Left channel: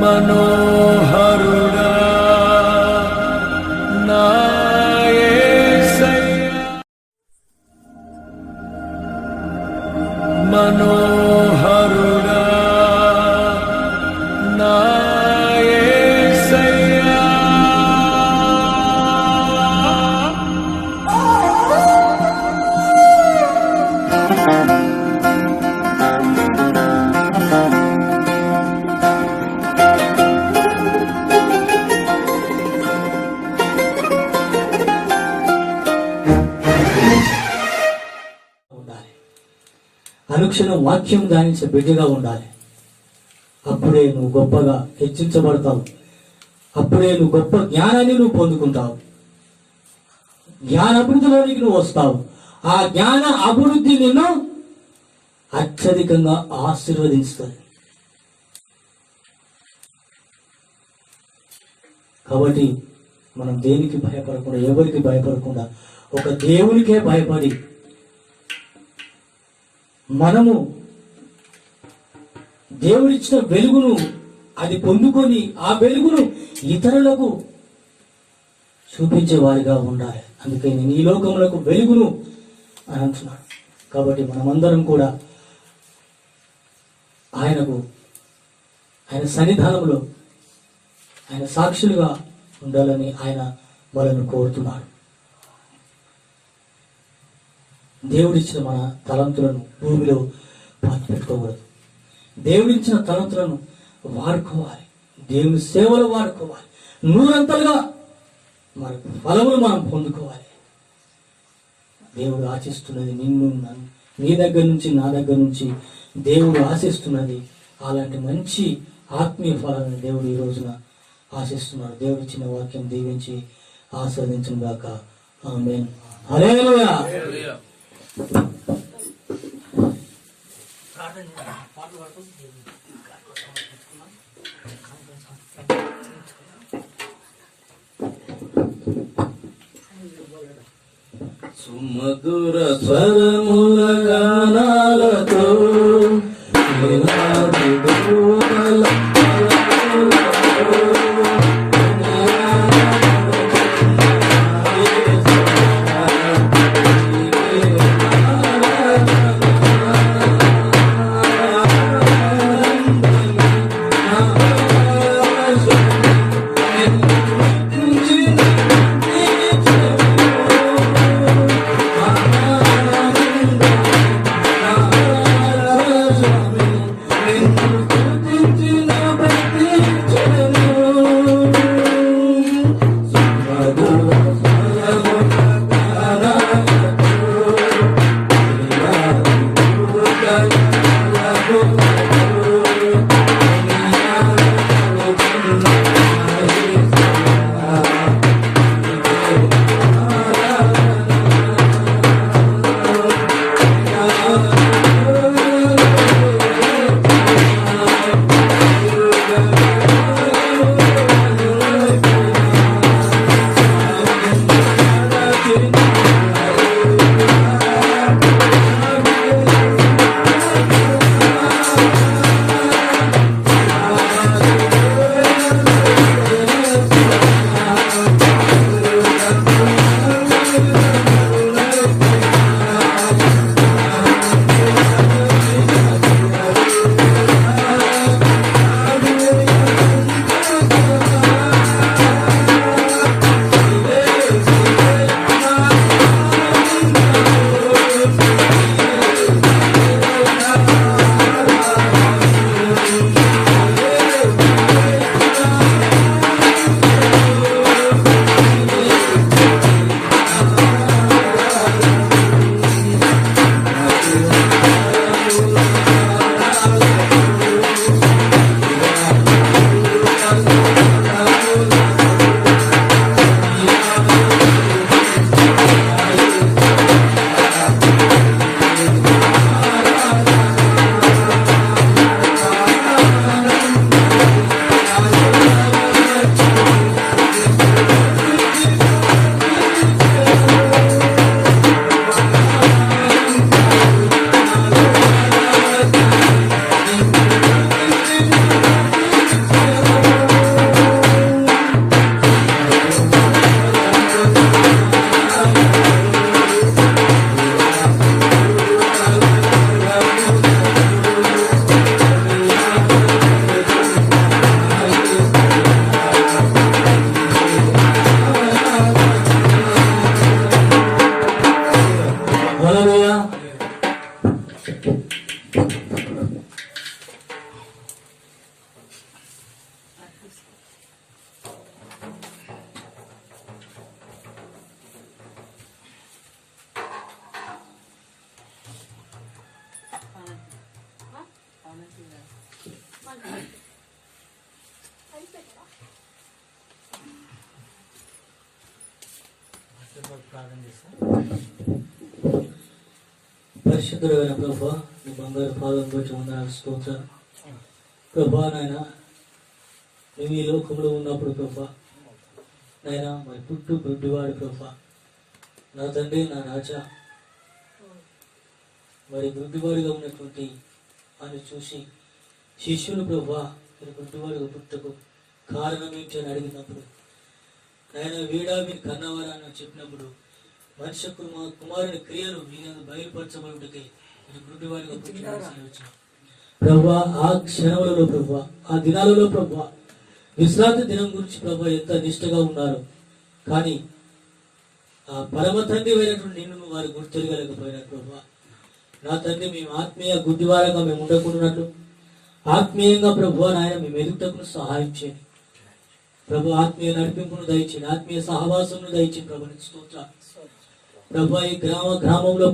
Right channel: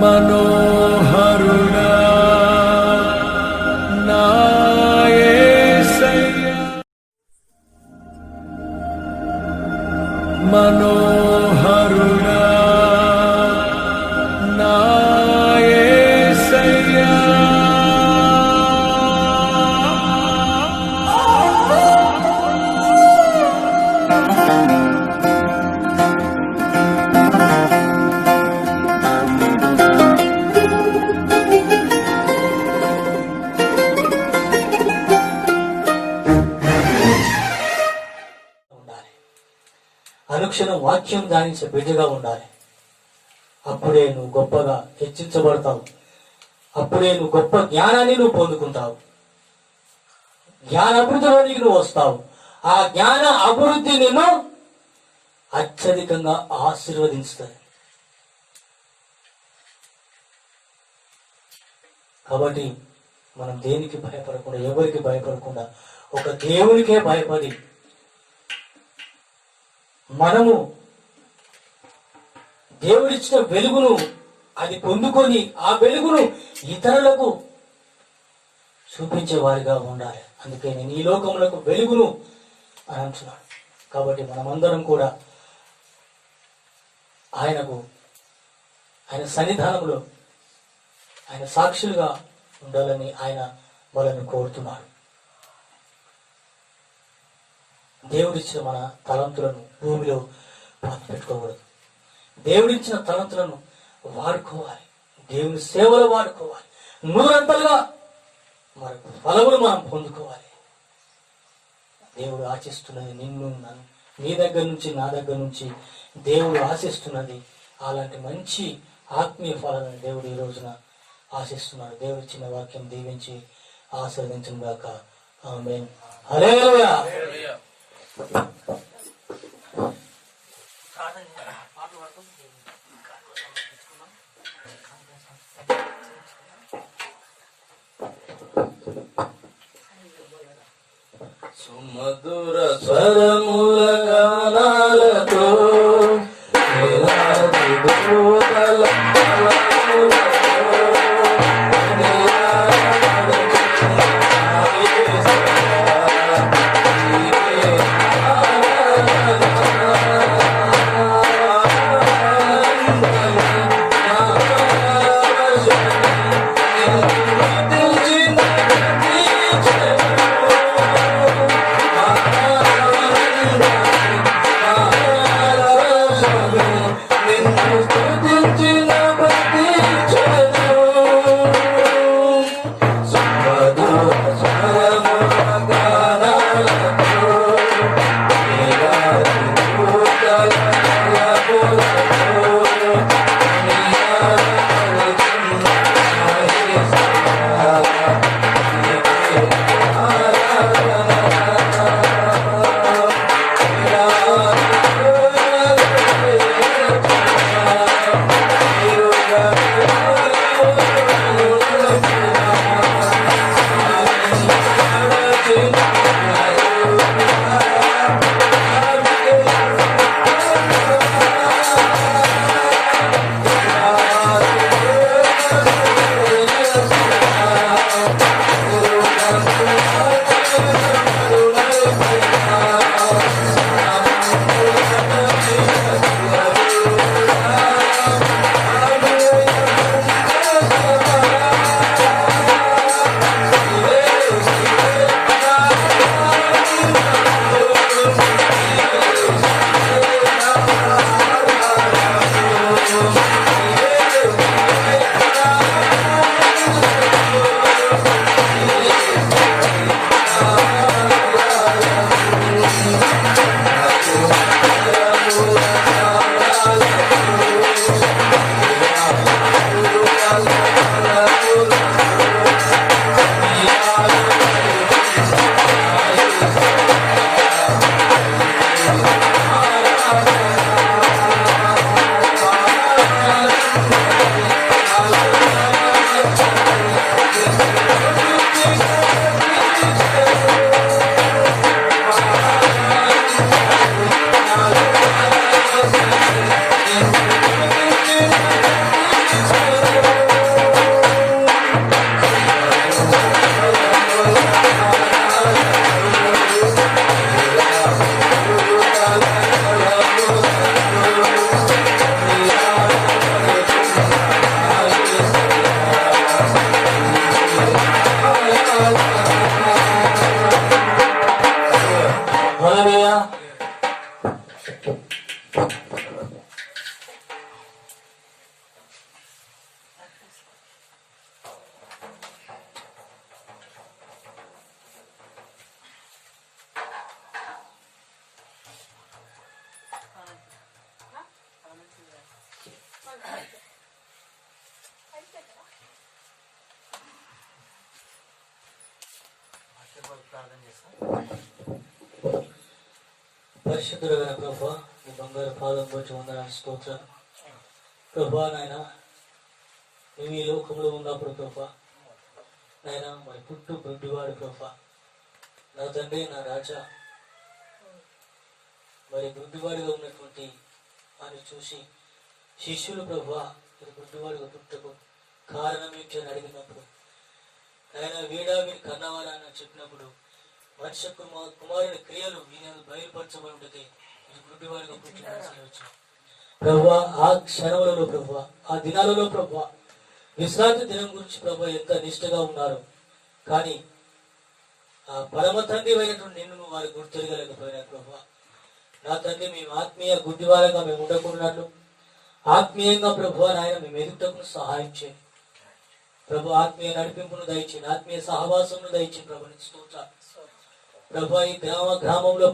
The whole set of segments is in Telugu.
మనోహరుడా నా యేసయ్యా, మనోహరుడా నా యేసయ్యా. అనుక్షణం వాక్యం ధ్యానించే బిడ్డగా ఉండాలి. అప్పుడే నువ్వు గొప్పగా హెచ్చించబడతావు. అప్పుడే నువ్వు గొప్ప జ్ఞానాన్ని నువ్వు పొందుకుంటావు. జ్ఞాన అభివృద్ధిలోనికి నువ్వు వస్తావు. ఆ జ్ఞాన అభివృద్ధి నిన్ను అత్యధికంగా ఆశీర్వదిస్తుంది. కాబట్టి మనం దేనికి భయపడకుండా, ఎవరికి భయపడకుండా, ఒక దేవునికే భయపడి మనము దేవుడిచ్చిన వెలుగును అది పొందుకొని ఆ వెలుగును ఇతరులకు చూపించే వారిగా ఉండాలి. అందుకే నేను ఈ లోకములకు వెలుగును అని అంటున్నాను. కాబట్టి మనమందరం కూడా ఆయన సన్నిధానంలో ఆయన సాక్షులుగా ఉండాలని ఆయన వాళ్ళను కోరుతున్నాడు. దేవుడిచ్చిన మన తలంతులను భూమిలో పెట్టుకోకూడదు. దేవుడిచ్చిన తలంతులను వాడుకోవాలి. దేవుని సేవలు వాడుకోవాలి. నూరంతలుగా మన ఫలములు మనం పొందుకోవాలి. దేవుడు ఆశిస్తున్నది నిన్ను, నన్ను, నీ దగ్గర నుంచి, నా దగ్గర నుంచి దేవుడు ఆశిస్తున్నది అలాంటి మంచి ఆత్మీయ ఫలాలను దేవుడు ఈ రోజున ఆశిస్తున్నాడు. దేవుడు ఇచ్చిన వాక్యం దీవించి ఆశీర్వదించును గాక. ఆమేన్. హల్లెలూయా. సుమధుర స్వరముల గానాలతో పరిశుద్ధుడైన ప్రభా, నీ బంగారు పాదం వచ్చి వందనాలు స్తోత్రాలు ప్రభా. నాయన మేము ఈ లోకంలో ఉన్నప్పుడు ప్రభా, నాయన మరి పుట్టు గుడ్డివాడు ప్రభా, నా తండ్రి నా రాజా, మరి గుడ్డివాడిగా ఉన్నటువంటి అని చూసి శిష్యులు ప్రభా మీరు గుడ్డివాడిగా పుట్టకు కారణం ఏంటి అని అడిగినప్పుడు, ఆయన వీడా మీరు కన్నవారని చెప్పినప్పుడు మనిషి కుమారుని క్రియలు ఈయన బయలుపరచబడుటకి ఇది గుడ్డివాడిగా పుట్టిన ప్రభా. ఆ క్షణములలో ప్రభా, ఆ దినాలలో ప్రభా, విశ్రాంతి దినం గురించి ప్రభా ఎంత నిష్టగా ఉన్నారు. కానీ ఆ పరమ తండ్రి అయినటువంటి నిన్ను వారు గుర్తెరగలేకపోయినారు ప్రభా. నా తండ్రి మేము ఆత్మీయ గుడ్డివారంగా మేము ఉండకున్నట్లు ఆత్మీయంగా ప్రభు నాయన మేము ఎదుగుటకు సహాయం చేయండి ప్రభు. ఆత్మీయ నడిపింపును దయచేయండి, ఆత్మీయ సహవాసమును దయచేయండి ప్రభు. స్తోత్ర ప్రభు. ఈ గ్రామంలో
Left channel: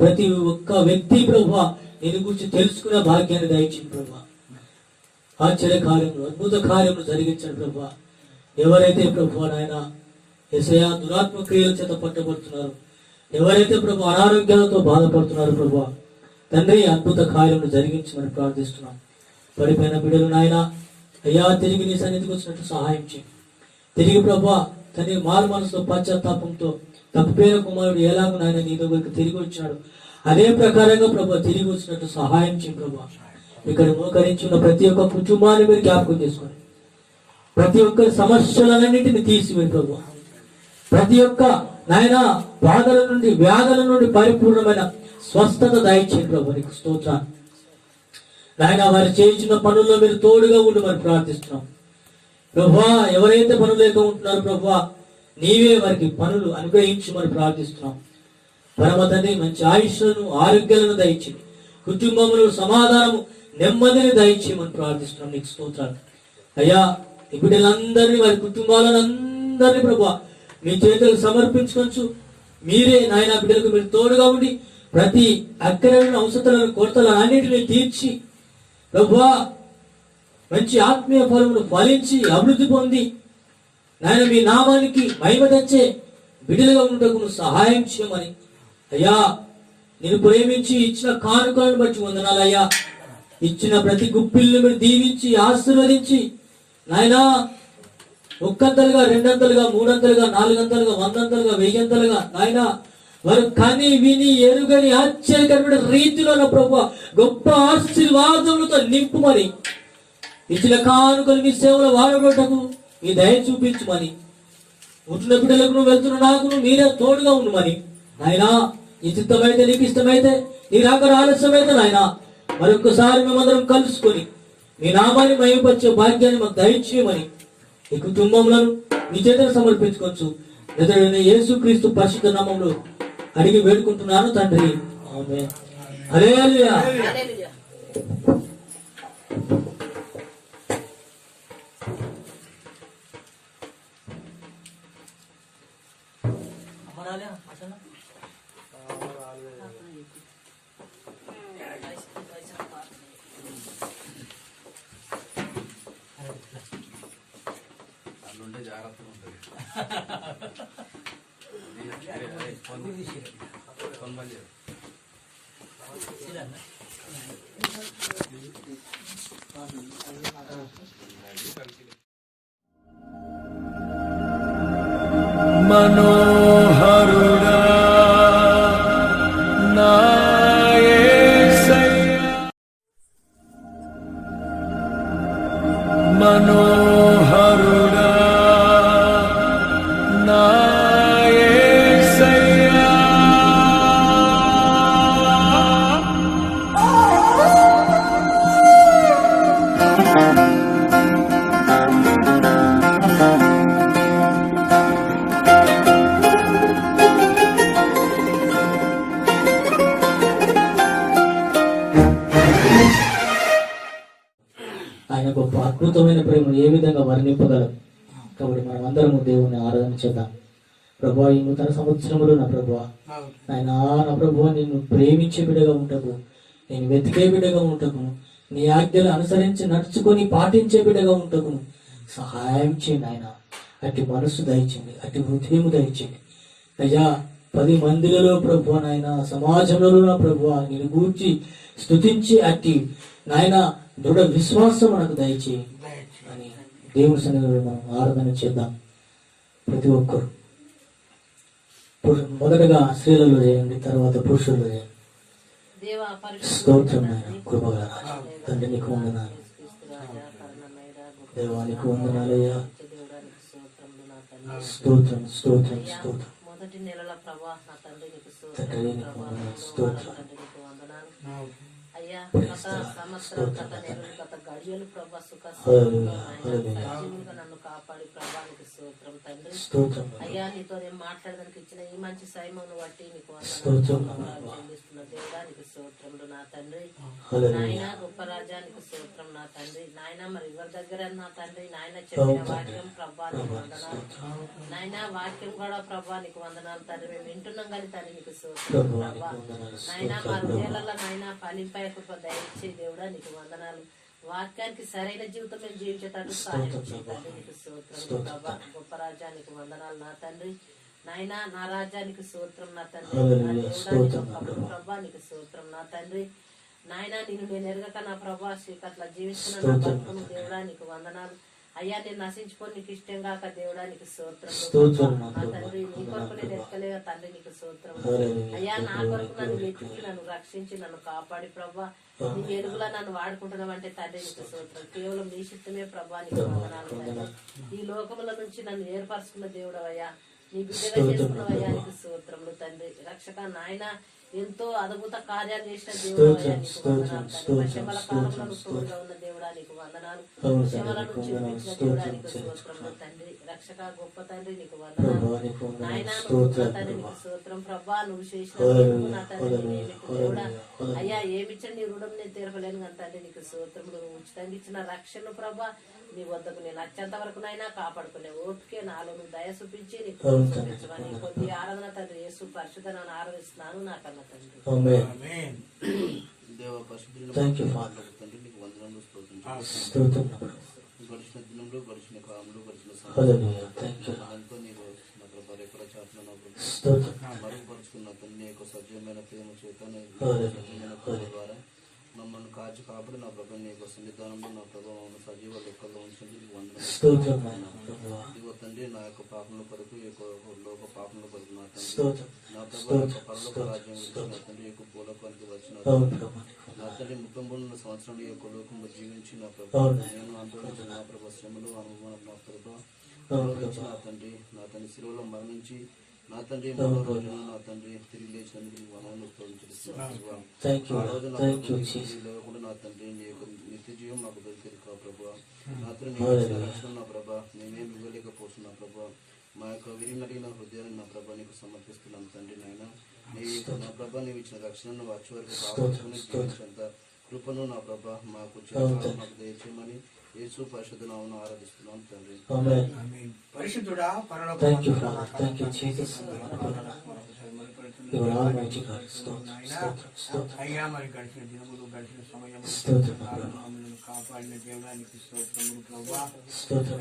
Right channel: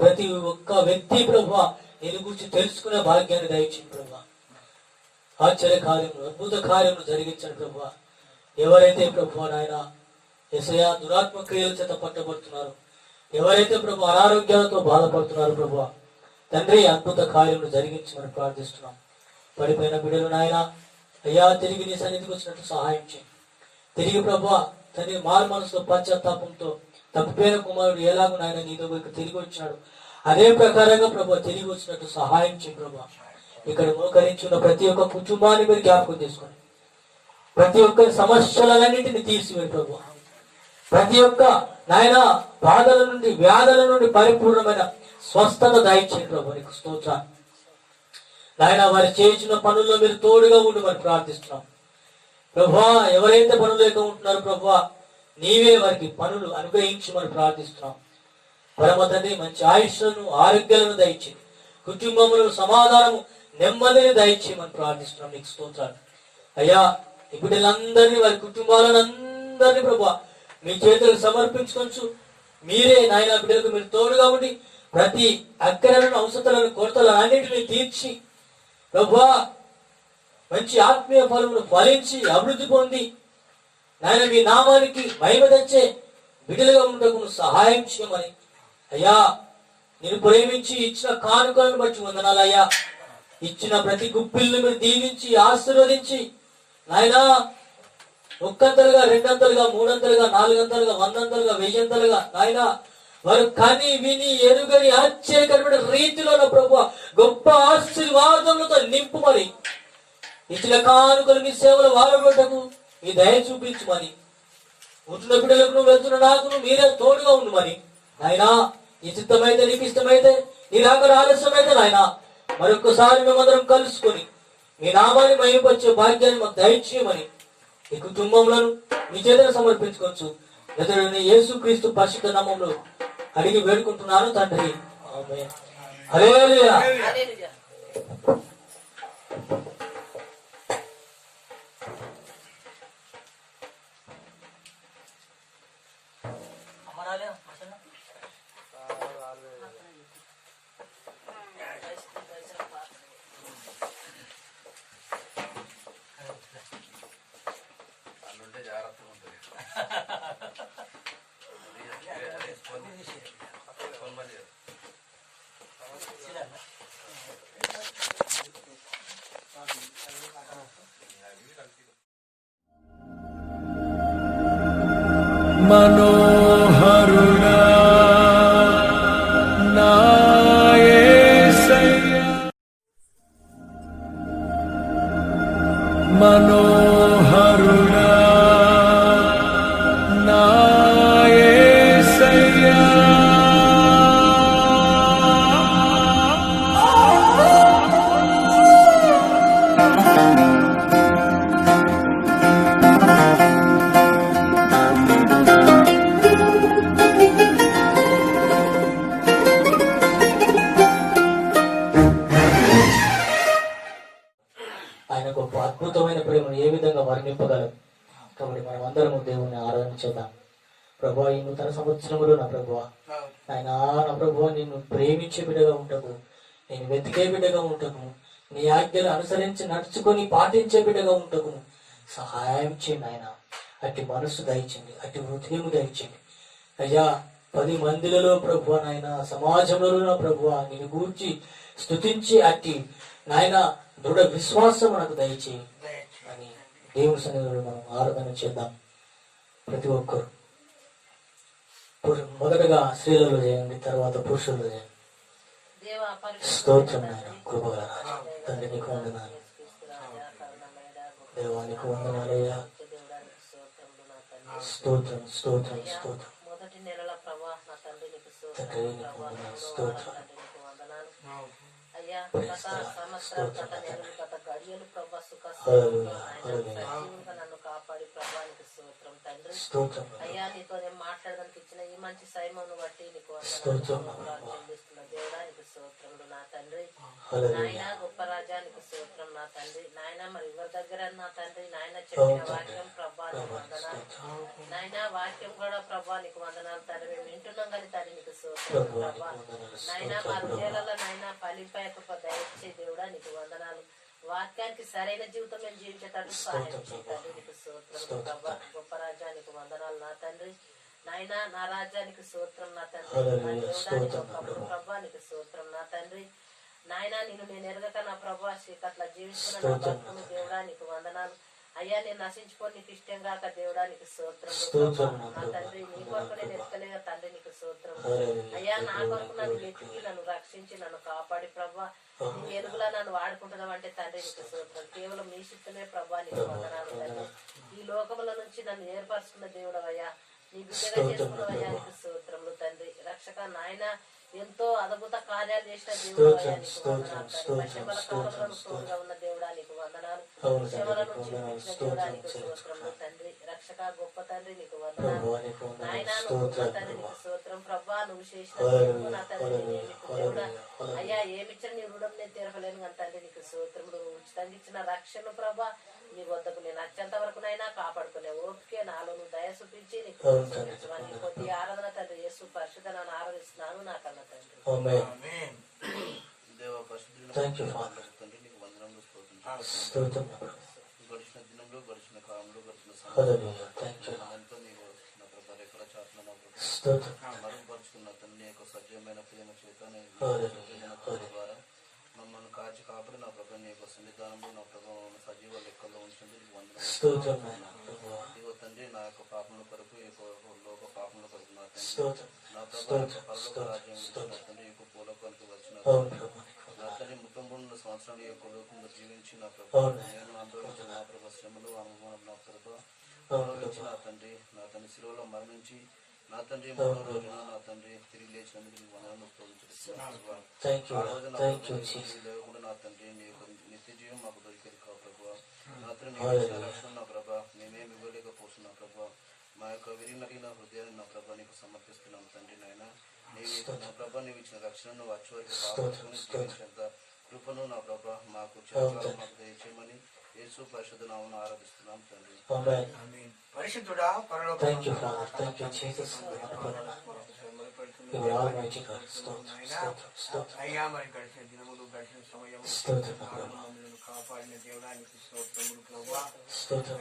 ప్రతి ఒక్క వ్యక్తి ప్రభు నేను గురించి తెలుసుకునే భాగ్యాన్ని దయచేయండి ప్రభు. ఆశ్చర్య కార్యములు అద్భుత కార్యములు జరిగించండి ప్రభు. ఎవరైతే ప్రభు నాయన యేసయ్యా దురాత్మ క్రియల చేత పట్టబడుతున్నారు, ఎవరైతే ప్రభు అనారోగ్యాలతో బాధపడుతున్నారు ప్రభు, తండ్రి అద్భుత కార్యములు జరిగించమని ప్రార్థిస్తున్నాం. పడిపోయిన బిడ్డలు నాయన అయ్యా తిరిగి నీ సన్నిధికి వచ్చినట్టు సహాయం చేయండి. తిరిగి ప్రభా తండ్రి మారు మనసుతో పశ్చాత్తాపంతో తప్పిపోయిన కుమారుడు ఎలాగో నాయన నీ దగ్గరికి తిరిగి వచ్చినాడు, అదే ప్రకారంగా ప్రభా తిరిగి వచ్చినట్టు సహాయం చేయండి ప్రభా. ఇక్కడ మోకరించున్న ప్రతి ఒక్క కుటుంబాన్ని మీరు జ్ఞాపకం చేసుకోండి, ప్రతి ఒక్క సమస్యలన్నింటినీ తీసివేయండి ప్రభా. ప్రతి ఒక్క నాయన బాధల నుండి వ్యాధుల నుండి పరిపూర్ణమైన స్వస్థత దయచేయండి ప్రభు. నీకు స్తోత్రాన్ని నాయన. వారు చేయించిన పనుల్లో మీరు తోడుగా ఉండి మరి ప్రార్థిస్తున్నాం ప్రభా. ఎవరైతే పనులు లేక ఉంటున్నారో ప్రభా నీవే వారికి పనులు అనుగ్రహించి మరి ప్రార్థిస్తున్నాం పరమ తండ్రి. మంచి ఆయుష్లను ఆరోగ్యాలను దయచేయండి, కుటుంబంలో సమాధానము నెమ్మదిని దయచేయమని ప్రార్థిస్తున్నాం. నీకు స్తోత్రాలు అయ్యా. ఈ బిడ్డలందరినీ వారి కుటుంబాలను అందరినీ ప్రభా మీ చేతులకు సమర్పించుకోవచ్చు. మీరే నాయన బిడ్డలకు మీరు తోడుగా ఉండి ప్రతి అక్కరలను అవసరాలను కొరతలను అన్నిటిని తీర్చి ప్రభువా మంచి ఆత్మీయ ఫలమును ఫలించి అభివృద్ధి పొంది నాయన మీ నామానికి మహిమ తెచ్చే బిడ్డలుగా ఉండటకు సహాయం చేయమని అయ్యా. నేను ప్రేమించి ఇచ్చిన కానుకలను బట్టి వందనాలు అయ్యా. ఇచ్చిన ప్రతి గుప్పిల్ని మీరు దీవించి ఆశీర్వదించి నాయనా ఒక్కంతలుగా, రెండంతలుగా, మూడంతలుగా, నాలుగంతలుగా, వందంతలుగా, వెయ్యంతలుగా నాయన వారు కని విని ఎరుగని ఆశ్చర్యకరమైన రీతిలో ప్రభు గొప్ప ఆశీర్వాదములతో నింపుమని ఇచ్చిన కానుకలు మీ సేవలు వాడగొట్టకు మీ దయ చూపించుమని, పుట్టిన బిడ్డలకు నువ్వు వెళ్తున్న నాకు మీరే తోడుగా ఉండమని నాయనా. నీ చిత్తమైతే, నీకు ఇష్టమైతే, నీ రాక ఆలస్యమైతే నాయన మరొకసారి మేమందరం కలుసుకొని మీ నామాన్ని మహిమపరిచే భాగ్యాన్ని మాకు దయచేయమని ఈ కుటుంబంలో నీ చేతులు సమర్పించుకోవచ్చు. నజరేయుడైన యేసుక్రీస్తు పరిశుద్ధ నామములో అడిగి వేడుకుంటున్నాను తండ్రి, ఆమేన్. హల్లెలూయా. మనోహరుడా నా యేసయ్యా, మనోహరుడా నా యేసయ్యా. ఆయన గొప్ప అద్భుతమైన ప్రేమ ఏ విధంగా వర్ణింపగలం. కాబట్టి మనం అందరము దేవుని ఆరాధన చేద్దాం. ప్రభువా ఈ నూతన సంవత్సరంలో నా ప్రభువా ఆయన నా ప్రభువా నిన్ను ప్రేమించే బిడ్డగా ఉంటకు, నేను వెతికే బిడ్డగా ఉంటకు, నీ ఆజ్ఞలు అనుసరించి నడుచుకొని పాటించే బిడ్డగా ఉంటకు సహాయం చేయండి ఆయన. అట్టి మనసు దయచేయండి, అట్టి హృదయం దయచేయండి అయ్యా. 10 మందిలలో ప్రభు నాయన, సమాజంలో నా ప్రభు నేను గూర్చి స్తుతించి అట్టి నాయన దృఢ విశ్వాసం నాకు దయచేయి అని దేవుని సన్నిధిలో మనం ఆరాధన చేద్దాం. ప్రతి ఒక్కరు మొదటగా స్త్రీలలో చేయండి, తర్వాత పురుషులలో చేయండి. స్తోత్రం నాయన, కృపగల రాజా తండ్రి నీకు వందనాలు, దేవానికి వందనాలయ్యా. స్తోత్రం స్తోత్రం స్తోత్రం మొదటి నెలల ప్రభా నా తండ్రి నీకు తండ్రి నీకు వందనాలు, స్తోత్రం అయ్యా. గత సంవత్సరం, గత నెలలు, గత గడియలు ప్రభా సుఖ హల్లెలూయా హల్లెలూయా సజీవులుగా నన్ను కాపాడి ప్రభానికి స్తోత్రం తండ్రి. స్తోత్రం అయ్యా నీతో నేను మాట్లాడడానికి ఇచ్చిన ఈ మంచి సైమను బట్టి నీకు స్తోత్రం చెల్లిస్తున్న దేవుడానికి స్తోత్రములు నా తండ్రి. హల్లెలూయా నాయన గొప్ప రాజ్యానికి స్తోత్రం నా తండ్రి. నాయన మరి ఎవరి దగ్గర నా తండ్రి నాయన చెప్పిన వాక్యం ప్రభా నీకు వందనాలు. నాయన వాక్యం కూడా ప్రభా నీకు వందనాలు తండ్రి. మేము వింటున్నాం కానీ తండ్రి నీకు స్తోత్రం ప్రభా. నాయన మా హృదయాలలో నాయన ఫలింపై కృప దయచే దేవుడా నీకు వందనాలు. వాక్యానికి సరైన జీవితం మేము జీవించేటట్టు సహాయం చేయండి నీకు స్తోత్రం ప్రభా. గొప్ప రాజ్యానికి వందనాలు నా తండ్రి. నాయన నా రాజ్యానికి స్తోత్రం నా తండ్రి. నా దేవుడానికి ప్రభా నీకు స్తోత్రం నా తండ్రి. నాయన నేను ఎరగక నా ప్రభా శ్రీకట్ల జీవిస్తున్న నా బ్రతుకును దేవుడా నీకు వందనాలు. అయ్యా నేను నశించుకొని నీకు ఇష్టం కాక దేవుడా నీకు స్తోత్రం నా తండ్రి. నీ కొరకు నేను ఎక్కలేక తండ్రి నీకు స్తోత్రం అయ్యా. నా కొరకు నన్ను వెతికి నన్ను రక్షించి నన్ను కాపాడి ప్రభా నీ ఎరుగులా నన్ను వాడుకుంటున్నావు అంటే తండ్రి నీకు స్తోత్రం. కేవలం నీ చిత్తమే ప్రభా నీకు వందనాలు తండ్రి. ఈ లోకముల నుంచి నన్ను ఏర్పరచుకున్న దేవుడు అయ్యా, నీ బిడ్డగా చేసుకున్న అయ్యా నీకు స్తోత్రములు తండ్రి. రక్షక నాయన ఎంతో అద్భుత కార్యాలు చేసిన దేవుడు అయ్యా నీకు వందనాలు తండ్రి. శమల కాలంలో తోడుగా ఉన్న దేవుడా నీకు వందనాలు. శమల నుంచి విడిపించిన దేవుడా నీకు స్తోత్రములు తండ్రి. రక్షక గొప్ప తండ్రి నీకు వందనాలు. నాయన నువ్వు తండ్రి నీకు స్తోత్రం ప్రభా. నువ్వు చేసిన నా తండ్రి నీకు దేవుడా అయ్యా ఏమిచ్చిన నీ రుణం నేను తీరపలేను కానీ తండ్రి నీకు స్తోత్రములు. నువ్వు ఉచితంగా ఇచ్చిన రక్షణ ప్రభా నీ వద్దకు నేను వచ్చేంత వరకునైనా కాపాడుకునే ఓపికే నాలో నువ్వు దయ చూపించి నీకు చూపించమని కొద్ది ఆరాధన తండ్రి యేసు పరిశుద్ధ నన్ను ఆరాధిస్తున్నాను నా కన్నా తండ్రి. గడిచిన దినంలో గడిచిన కాలంలో గడిచిన సమయంతో నీ ఎక్కడ చాటున మరుగుపరుచుకున్న తండ్రి యొక్క సజీవమైన ప్రేమ చేత ద్వారా మమ్మల్ని కాచి కాబట్టి నా ప్రభు నీ యొక్క సన్నిధానంలో నా ప్రభావం సజీవ లెక్కల్లో ఉంచినందుకు వందనములు తండ్రి. నా యొక్క పాపముల కొరకు లోక పాపముల కొరకు నా తండ్రి నా ప్రభు యొక్క పరలోక రాజ్యం నా తండ్రి యొక్క భూలోకానికి వచ్చిన నా తండ్రి 33 సంవత్సరాలు ఈ యొక్క లోకంలో జీవించి నా ప్రభు నేను అనుభవించిన నా ప్రభు శ్రమలు అనుభవం నా ప్రభు నా తండ్రి శిలువలో మరణించి నా తండ్రి 3వ రోజున నా తండ్రి తిరిగి లేచినందుకు నీ వందనాలు స్తోత్రిస్తున్నాను. ఆ రోజు నా లేకుండా నా తండ్రి నీ యొక్క నిత్య జీవం మాకు దొరికేది కా ప్రభు. నా తండ్రి నీ ఇచ్చిన రక్షణ నా ప్రభా మేమేమి ఇవ్వలేకపోతున్నాం ప్రభా. మా యొక్క విరిమరిగిన హృదయాన్ని నా ప్రభా నీకు సమర్పిస్తున్నాం తండ్రి. నాయన నా ప్రభా నీవు ఇచ్చిన రక్షణను వచ్చే వరకు కాపాడుకుని జీవించేంత కృపను నా ప్రభా మాకు మాకు దయచేయమని యేసు పరిశుద్ధ నామమున ఆరాధిస్తున్నాం తండ్రి. పరిశుద్ధుడా అయ్యా మరి గడిచిన దినములు గడిచిన సమయం కాపాడిన దేవుడానికి స్తోత్రములు ప్రభా.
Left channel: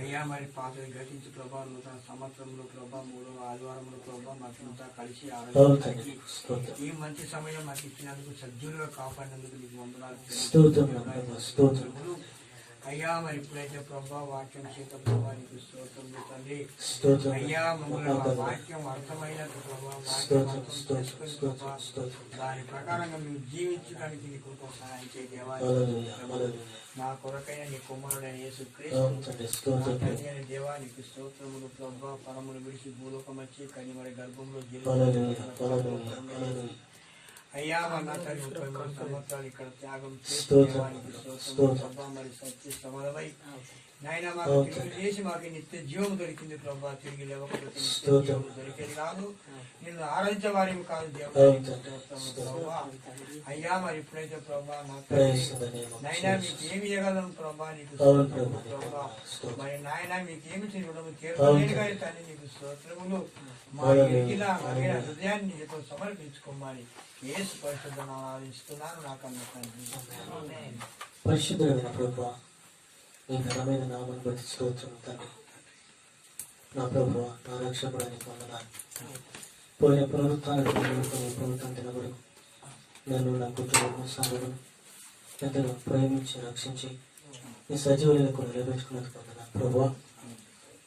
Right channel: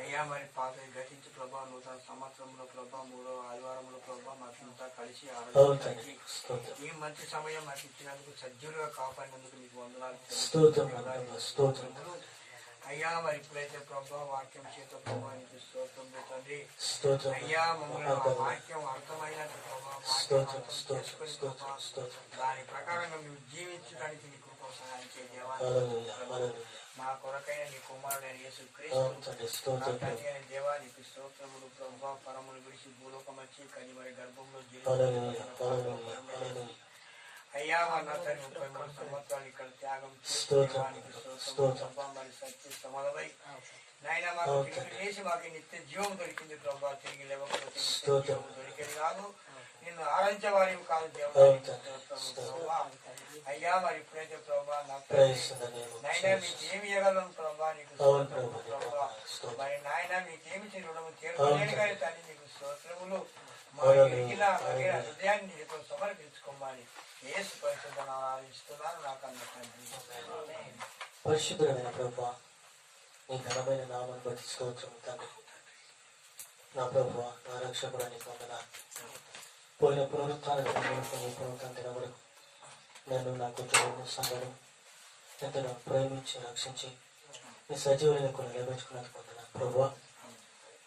అయ్యా మరి పాతని గతించి ప్రభా నూతన సంవత్సరంలో ప్రభా 3వ ఆదివారంలో ప్రభా మాకంతా కలిసి ఈ మంచి సమయం మాకు ఇచ్చినందుకు సజ్జులుగా కాపాడినందుకు నీకు వందనాలు. అయ్యా మరి ఇప్పుడైతే ప్రభా వాక్యం చేత ప్రభానికి స్తోత్రములు తండ్రి. అయ్యా మమ్మల్ని వాక్యం అర్థమైనంత ప్రభా వాక్యం అర్థం చేసుకుని ప్రభా దాని ప్రకారంగా మేము జీవించడానికి నీ కృప సహాయం చేయాలి. నా కొరకైన నీ కుమారుడైన యేసుక్రీస్తు తండ్రి అయిన దేవా నీకు స్తోత్రములు ప్రభా. పరమును విడిచి భూలోకం వచ్చి కని మరి గర్భంలో అయ్యా నా తండ్రి 33 సంవత్సరాలు ఇక్కడ త్యాగం చేసి మరి సత్య సమలమై నాయన మాకు తిరిగి లేచి మాకు నిత్య జీవం దొరికింది ప్రభా. తిరిగి లేవకపోతే నిత్య జీవం దొరికేది కాదు, నిన్ను ఆరాధించే వారి కాదు ప్రభా. అయ్యా మరి ఇప్పుడైతే ప్రభా నా నాయన మీకేమి ఇవ్వగలను ప్రభా నీకు ప్రభా. మరి నాయన మీకేమి రుణము తీర్చలేను కానీ తల్లి నీకు స్తోత్రములు. మా హృదయాన్ని నీతో సమర్పించుకోమని యేసు పరిశుద్ధ నామమున ఆరాధిస్తున్నాను నా కన్నా తండ్రి. పరిశుద్ధమైన ప్రభువా, నీ ఘనమైన నామాన్ని బట్టి స్తోత్రం తండ్రి. నా ప్రభువా, నా రక్షకుడానికి వందనాలు. పోయిన పునరుత్థానం వరకు నన్ను నా కుటుంబం సంఘం ఎంతగా ప్రేమించి రక్షించి నీ సజీవులకు నిలబెట్టుకున్నందుకు వందనాలు ప్రభువా.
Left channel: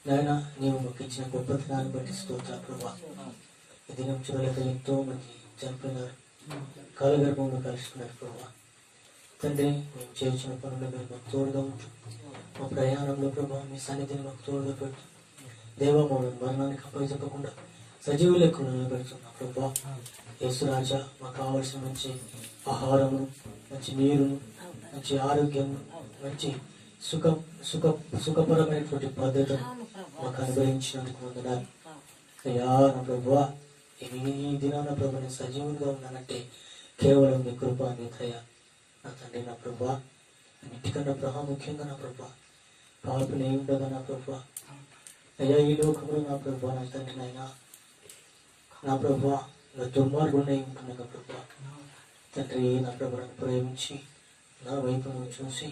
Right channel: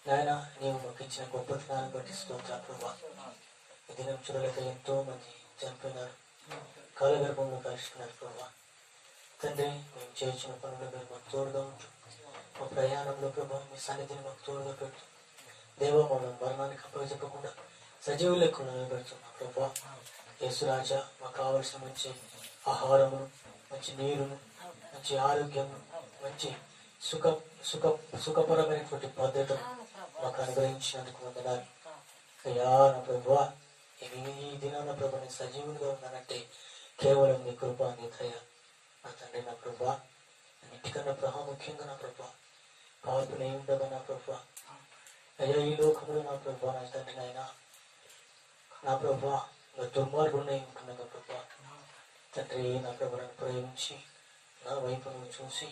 నాయన, నీవు మాకు ఇచ్చిన గొప్ప దినాన్ని బట్టి స్తోత్రాలు ప్రభువా. ఈ దినం చూడలేక ఎంతో మంది చనిపోయినారు, కాలగర్భంలో కలుసుకున్నారు ప్రభువా. తండ్రి, మేము చేసిన పనులు మీరు మాకు తోడుగా ఉంటూ మా ప్రయాణంలో ప్రభావ మీ సన్నిధిని మాకు తోడుగా పెట్టు దేవా. మమ్మల్ని మరణానికి అప్పగించకుండా సజీవులకు నిలబెడుతున్నాం ప్రభావ. యేసురాజా, మాకు కావలసిన మంచి ఆహారము, మంచి నీరును, మంచి ఆరోగ్యము, మంచి సుఖపరమైనటువంటి పద్ధతులు మాకు అనుగ్రహించినందుకు వందనాలు అయ్యా. నా ప్రభువా, ఈ దినాన ప్రభు నేను సజీవునిగా ఉన్నానంటే కేవలం నీ కృప, నీ దయ నా తండ్రి. నా ప్రభువా, అన్నిటికన్నా ప్రాముఖ్యంగా నా ప్రభువా పాపని ఉండగా నా ప్రభువా అయ్యా, ఈ లోకంలో నా ప్రభువా నా తండ్రి నాయన నా ప్రభువా దుర్మార్గుండే ఉంటుండగా ప్రభువా తండ్రి నా ప్రభులను ప్రేమించి నా వైపు నువ్వు చూసి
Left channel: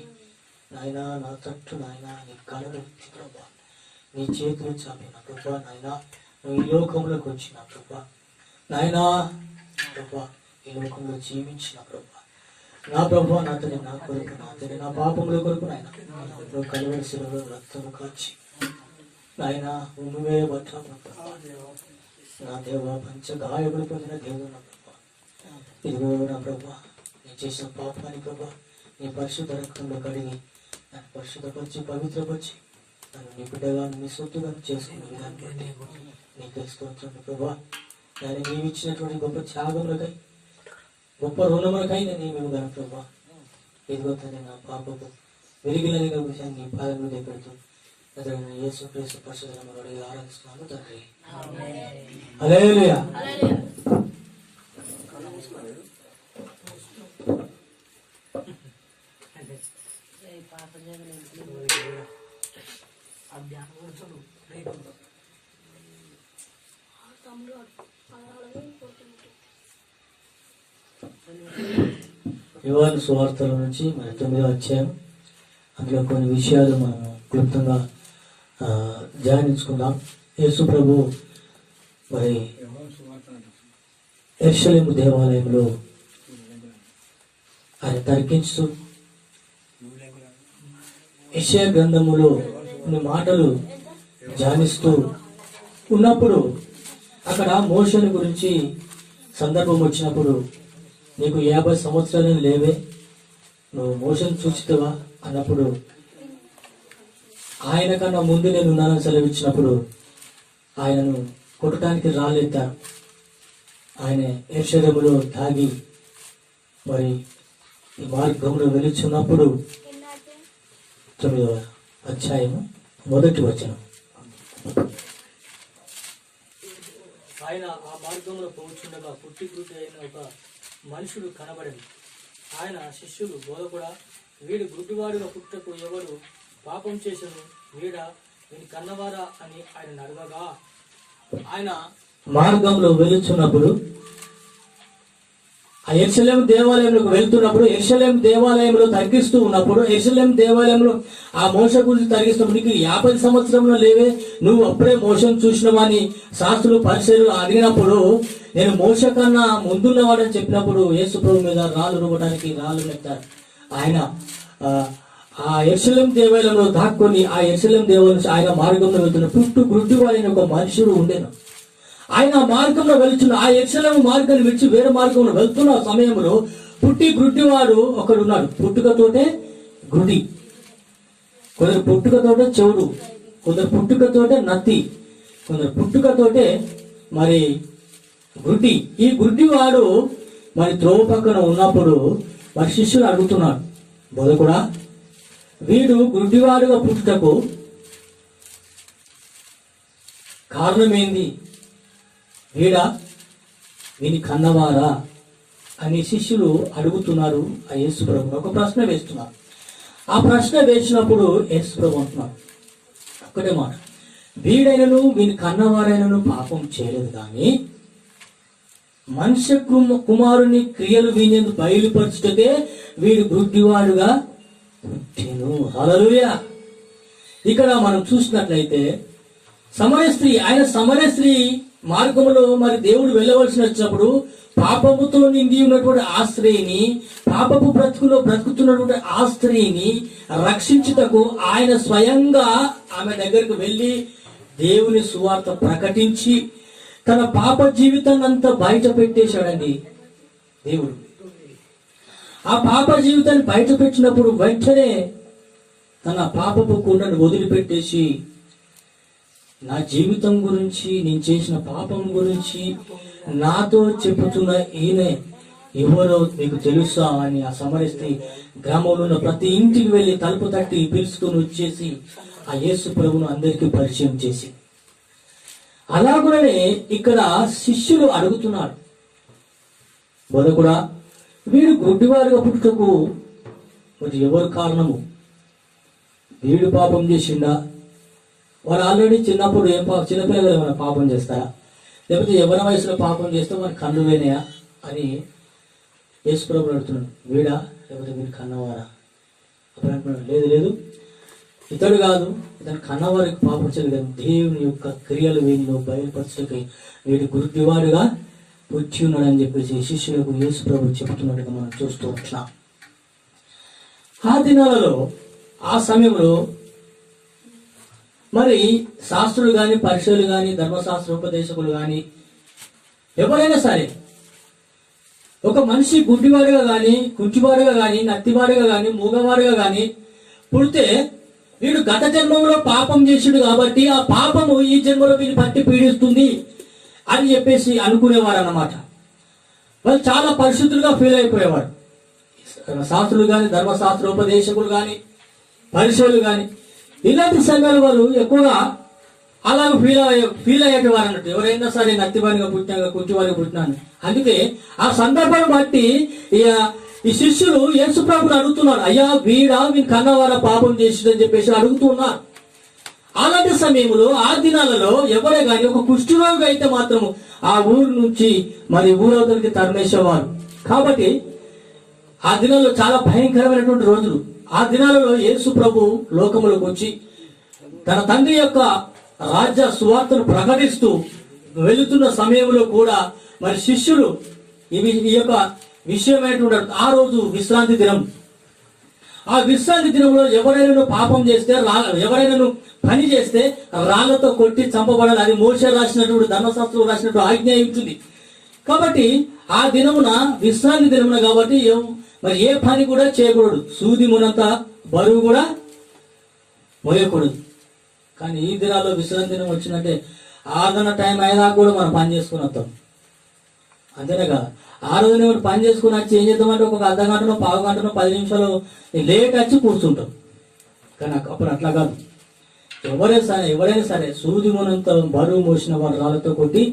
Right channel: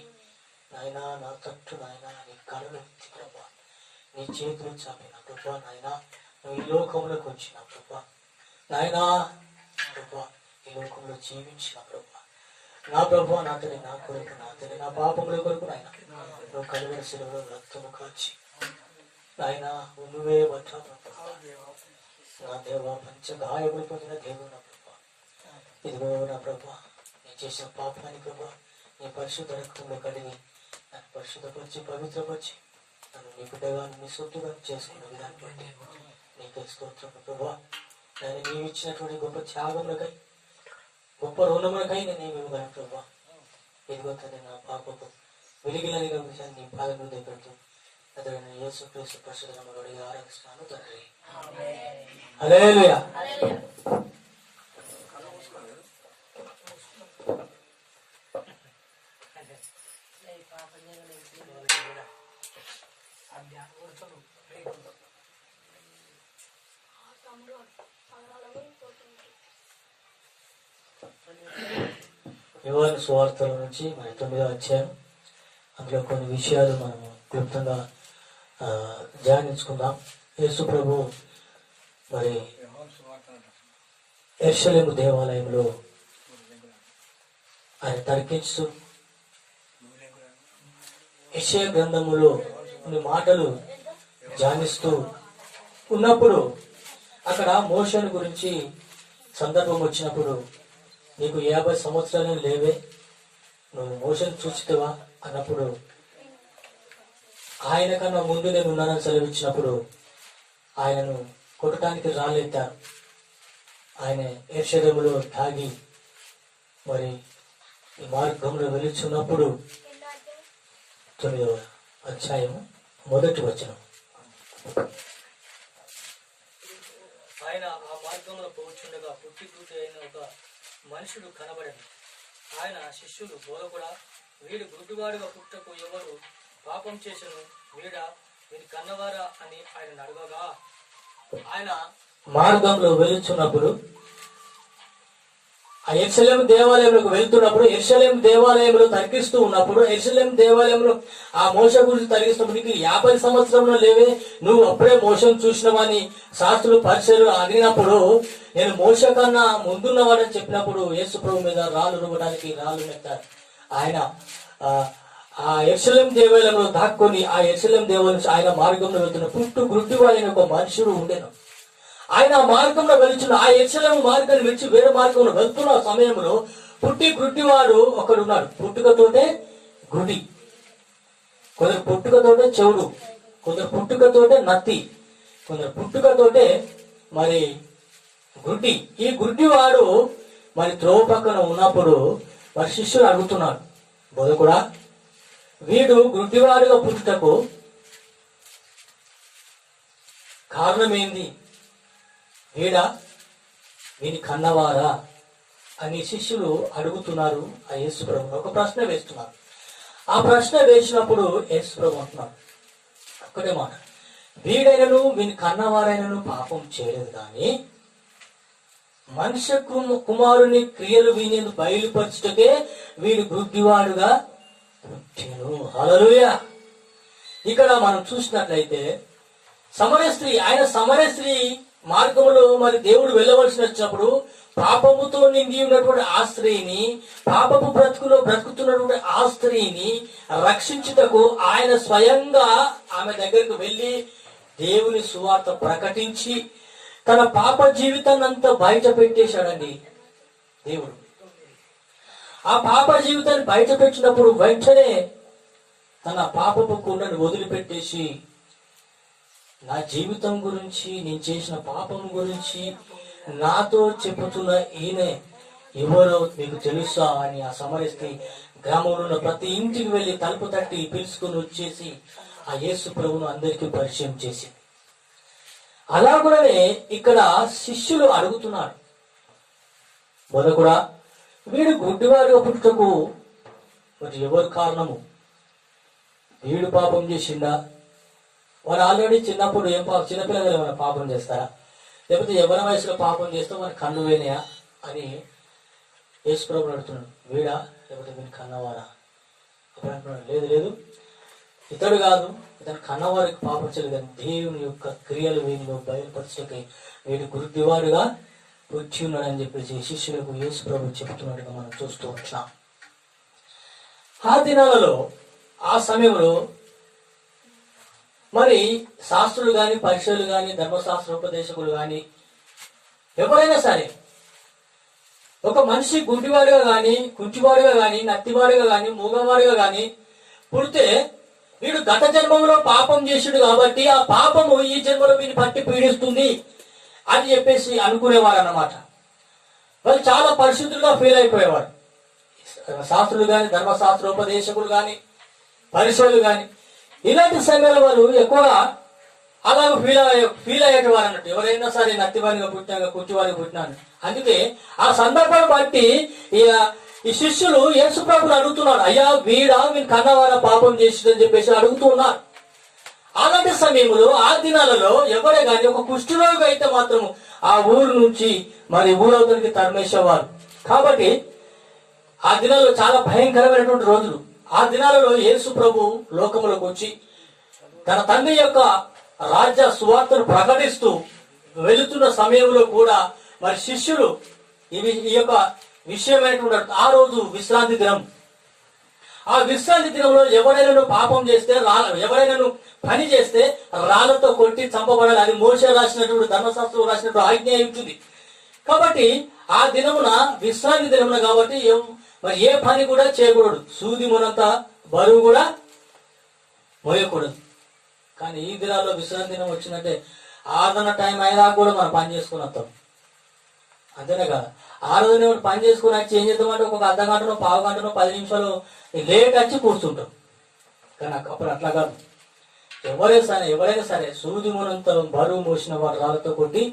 నాయన నా తట్టు నాయన నీ కళలు ఎత్తి ప్రభా నీ చేతులు చాపి నా ప్రభా నాయన నువ్వు ఈ లోకంలోకి వచ్చిన ప్రభా నాయన ప్రభా ఈ లోకంలో జీవించిన ప్రభా నా ప్రభా నా తండ్రి నా కొరకు నా తండ్రి నా పాపముల కొరకు నాయన నువ్వు కలువరి శిలలో రక్తము కాచి నాయన నువ్వే బట్టా నా దేవ పంచ గాయములు పొందిన దేవుడు నా ప్రభా. ఇదిగో నా ప్రభా నేను చేసిన పాపాన్ని ప్రభా నీ పరిశుద్ధ రక్తంలో కడిగి నన్ను పరిశుద్ధపరిచి పవిత్రపరిచి నన్ను నీ బిడ్డగా నీ సొత్తుగా చేసుకున్న విధానం బట్టి నీకు స్తోత్రం ప్రభా. నేను నీవు ఇచ్చినటువంటి గొప్ప త్యాగములకై గొప్ప రుణములకై నేను ఇవ్వగలను ప్రభా. ఇదిగో తండ్రి నా పాపకు వెలిగిలనిగా విషయాన్ని నీ పాదములు దగ్గరతో అతను యేసు క్రీస్తు పరిశుద్ధ నామములో ఆరాధిస్తున్నాను తండ్రి. హల్లెలూయా. యోహాను సువార్తల నుంచి మరి 9వ అధ్యాయం అందులో కొన్ని విషయాలు మనం క్లుప్తంగా ధ్యానించుకుందాం. యేసు ప్రభు మరి యెరూషలేము దేవాలయంలో ఆయన తర్కించు యెషయా గ్రంథములో కొన్ని మాటలు ధ్యానిస్తూ ఉన్నప్పుడు అక్కడ మోషేను గురించి సందర్భం వచ్చినప్పుడు నీకు 50 సంవత్సరాలు లేవే, నువ్వు మోషేను చూచితవా అన్నప్పుడు ఆయన కన్నా ముందు నేను ఉన్నానని సెలవిచ్చినప్పుడు ఆయనను కొట్టడానికి రాలేద్దారు. ఆయన యెరూషలేములో తాగి మరి ఈ మార్గంలో వెలుచున్నప్పుడు 9వ అధ్యాయము 1వ వచనం. ఆయన ఆ మార్గంలో పోవచ్చుండగా పుట్టిగుడ్డి అయిన ఒక మనుషుడు కనబడను. ఆయన శిష్యులు బోధకుడా, వీడు గుడ్డివాడుగా పుట్టకు ఎవరు పాపం చేసను, వీడా వీని కన్నవారా అని ఆయన అడగగా ఆయన మార్గంలో వెళుతున్నప్పుడు ఆ యెరూషలేము దేవాలయంలోకి వెళ్తున్నప్పుడు యెరూషలేము దేవాలయంలో తర్కిస్తూ ఉన్నప్పుడు యెరూషలేము దేవాలయంలో ఆ మోషే గురించి తర్కిస్తున్నప్పుడు నీకు 50 సంవత్సరంలో లేవే, నువ్వు అప్పుడే మోషను చూసినవని శాస్త్రులు పరిచయులు అడిగినప్పుడు నేను మోషే కన్నా ముందున్నవాడని చెప్పినప్పుడు యేసు ప్రభు మీద రాళ్ళు రువ్వడానికి రాళ్ళు నెట్టారు. ఆయన ఆ యెరూషలేము దేవాలయంలో దాక్కుని ఆ యెరూషలేము దేవాలయం ఆయన మార్గంలో వెళ్తున్న పుట్టు గుడ్డివాడైన ఒక మనుషుడు ఉండేను. ఆయన మార్గంలో వెళ్తున్న ఆ యెరూషలేము మార్గాన్ని విడిచి వేరే మార్గంలో వెళ్తున్న సమయంలో పుట్టి గుడ్డివాడు ఒకడు ఉన్నాడు. పుట్టుకతోటే గుడి, కొందరు పుట్టుకతోటే చెవుడు, కొందరు పుట్టుకతోటే నత్తి, కొందరు పుట్టుకతోటే మరి గుడ్డి. ఈ గుడ్డివాడు మరి త్రోవ పక్కన ఉన్నప్పుడు మరి శిష్యుడు అడుగుతున్నాడు, బోధకుడా వీడు గుడ్డివాడుగా పుట్టుటకు కారణం ఏంది, వీడా వీని కన్నవారా అని శిష్యులు అడుగుతున్నారు. ఆ యేసు ప్రభు ఒక ప్రశ్న వేస్తున్నారు. ఆ ప్రశ్న వేసినప్పుడు యేసు ప్రభు అంటున్నారు ఒకటే మాట, వీడైనను వీని కన్నవారైనను పాపం చేయలేదు కానీ మనుష్య కుమారుని క్రియలు వీని బయలుపరచుటకే వీడు గుడ్డివాడుగా పుట్టెను. హల్లెలూయా. ఇక్కడ మనం చూసినట్లయితే సమరయ స్త్రీ, ఆయన సమరయ స్త్రీ మార్గంలో మరి దేవుడు వెళ్ళవలసి వచ్చినప్పుడు పాపముతో నిండి ఉన్నటువంటి ఆ స్త్రీని, పాపపు బ్రతుకులో బ్రతుకుతున్నటువంటి ఆ స్త్రీని రక్షించుటకు ఆయన స్వయంగా ఆమె దగ్గరకు వెళ్ళి దేవుని సువార్త ప్రకటించి తన పాప జీవితాన్ని అంతా బయట పెట్టేశాడండి దేవుడు. ఆ పాప జీవితాన్ని బయట పెట్టినప్పుడు వెంటనే తన పాపపు కుండను వదిలిపెట్టేసి నా జీవితం గురించి, నేను చేసిన పాపం గురించి నాతో చెప్పుతున్న ఈయనే ఎవరో మీకు తెలుసా అని ఆ సమరస్తి గ్రామంలో ఉన్న ప్రతి ఇంటికి వెళ్లి తలుపు తట్టి పిలుచుకుని వచ్చేసి ఆ యేసు ప్రభును అందరికీ పరిచయం చేసి, అలాగనే ఇక్కడ శిష్యులు అడుగుతున్నాడు, బోధకుడా వీడు గుడ్డివాడిగా పుట్టుటకు మరి ఎవరు కారణము? వీడు పాపం చేసిండా? వారు ఆల్రెడీ చిన్నప్పుడు చిన్నపిల్లలు ఏమైనా పాపం చేస్తారా? లేకపోతే ఎవరి వయసులో పాపం చేస్తే వారి కన్ను వేనాయా అని యేసుప్రభుని అడుగుతున్నాడు. వీడా లేకపోతే వీడు కన్నవారా? అప్పుడు అంటున్నాడు, లేదు లేదు, ఇతడు కాదు, ఇతను కన్నవారికి పాపం చేయలేదు, దేవుని యొక్క క్రియలు వీనిలో బయలుపరచుటకి వీడు గుడ్డివాడుగా పుట్టి ఉన్నాడని చెప్పేసి శిష్యులకు యేసుప్రభు చెబుతున్నట్టుగా మనం చూస్తూ ఉంటున్నాం. ఆ దినాలలో, ఆ సమయంలో మరి శాస్త్రులు గాని, పరిశీలు గాని, ధర్మశాస్త్రోపదేశకులు గాని ఎవరైనా సరే ఒక మనిషి గుడ్డివాడుగా గాని, కుంటివాడుగా గాని, నత్తివాడుగా గాని, మూగవాడుగా గాని పుడితే వీడు గత జన్మంలో పాపం చేసాడు కాబట్టి ఆ పాపము ఈ జన్మలో వీడిని పట్టి పీడిస్తుంది అని చెప్పేసి అనుకునేవారు అన్నమాట. వాళ్ళు చాలా పరిశుద్ధులుగా ఫీల్ అయిపోయేవారు. శాస్త్రులు గాని, ధర్మశాస్త్రోపదేశకులు గాని, పరిశీలు గాని ఇలాంటి సమయాలు వాళ్ళు ఎక్కువగా అలాగ ఫీల్ అయ్యేవారు అన్నట్టు. ఎవరైనా సరే నత్తివాడిగా పుట్టినా, కుంటివాడిగా పుట్టినాను. అందుకే ఆ సందర్భాన్ని బట్టి ఈ శిష్యులు యేసుప్రభుని అడుగుతున్నారు, అయ్యా వీడా వీని కన్నవారా పాపం చేసిందని చెప్పేసి అడుగుతూ ఉన్నారు. అలాంటి సమయంలో ఆ దినాలలో ఎవరే గాని ఒక కుష్ఠరోగి అయితే మాత్రం ఆ ఊరు నుంచి మరి ఊరవతలకి తరిమేసేవారు. కాబట్టి ఆ దినాల్లో చాలా భయంకరమైనటువంటి రోజులు. ఆ దినాలలో యేసు ప్రభు లోకములకు వచ్చి తన తండ్రి యొక్క రాజ్య సువార్తను ప్రకటిస్తూ వెళుతున్న సమయంలో కూడా మరి శిష్యులు ఈ యొక్క విషయమైనటువంటి ఆ రోజు విశ్రాంతి దినం. ఆ విశ్రాంతి దినంలో ఎవరైనా పాపం చేస్తే, ఎవరైనా పని చేస్తే రాళ్లతో కొట్టి చంపబడాలి. అది మోషే రాసినటువంటి, ధర్మశాస్త్రం రాసినటువంటి ఆజ్ఞ ఉంటుంది. కాబట్టి ఆ దినమున విశ్రాంతి దినమున కాబట్టి మరి ఏ పని కూడా చేయకూడదు, సూది మునంత బరువు కూడా మోయకూడదు. కానీ ఈ దినాల్లో విశ్రాంతి దినం వచ్చిందంటే 6 టైం అయినా కూడా మనం పని చేసుకుని వస్తాం. అంతేనే కదా, 6 పని చేసుకుని వచ్చి ఏం చేద్దామంటే ఒక అర్ధ గంటనో, పావు గంటనో, 10 నిమిషాలు లేట్ వచ్చి కూర్చుంటాం. కానీ అప్పుడు అట్లా కాదు. ఎవరైనా సరే సూది మునంత బరువు మోసిన వారు రాళ్ళతో కొట్టి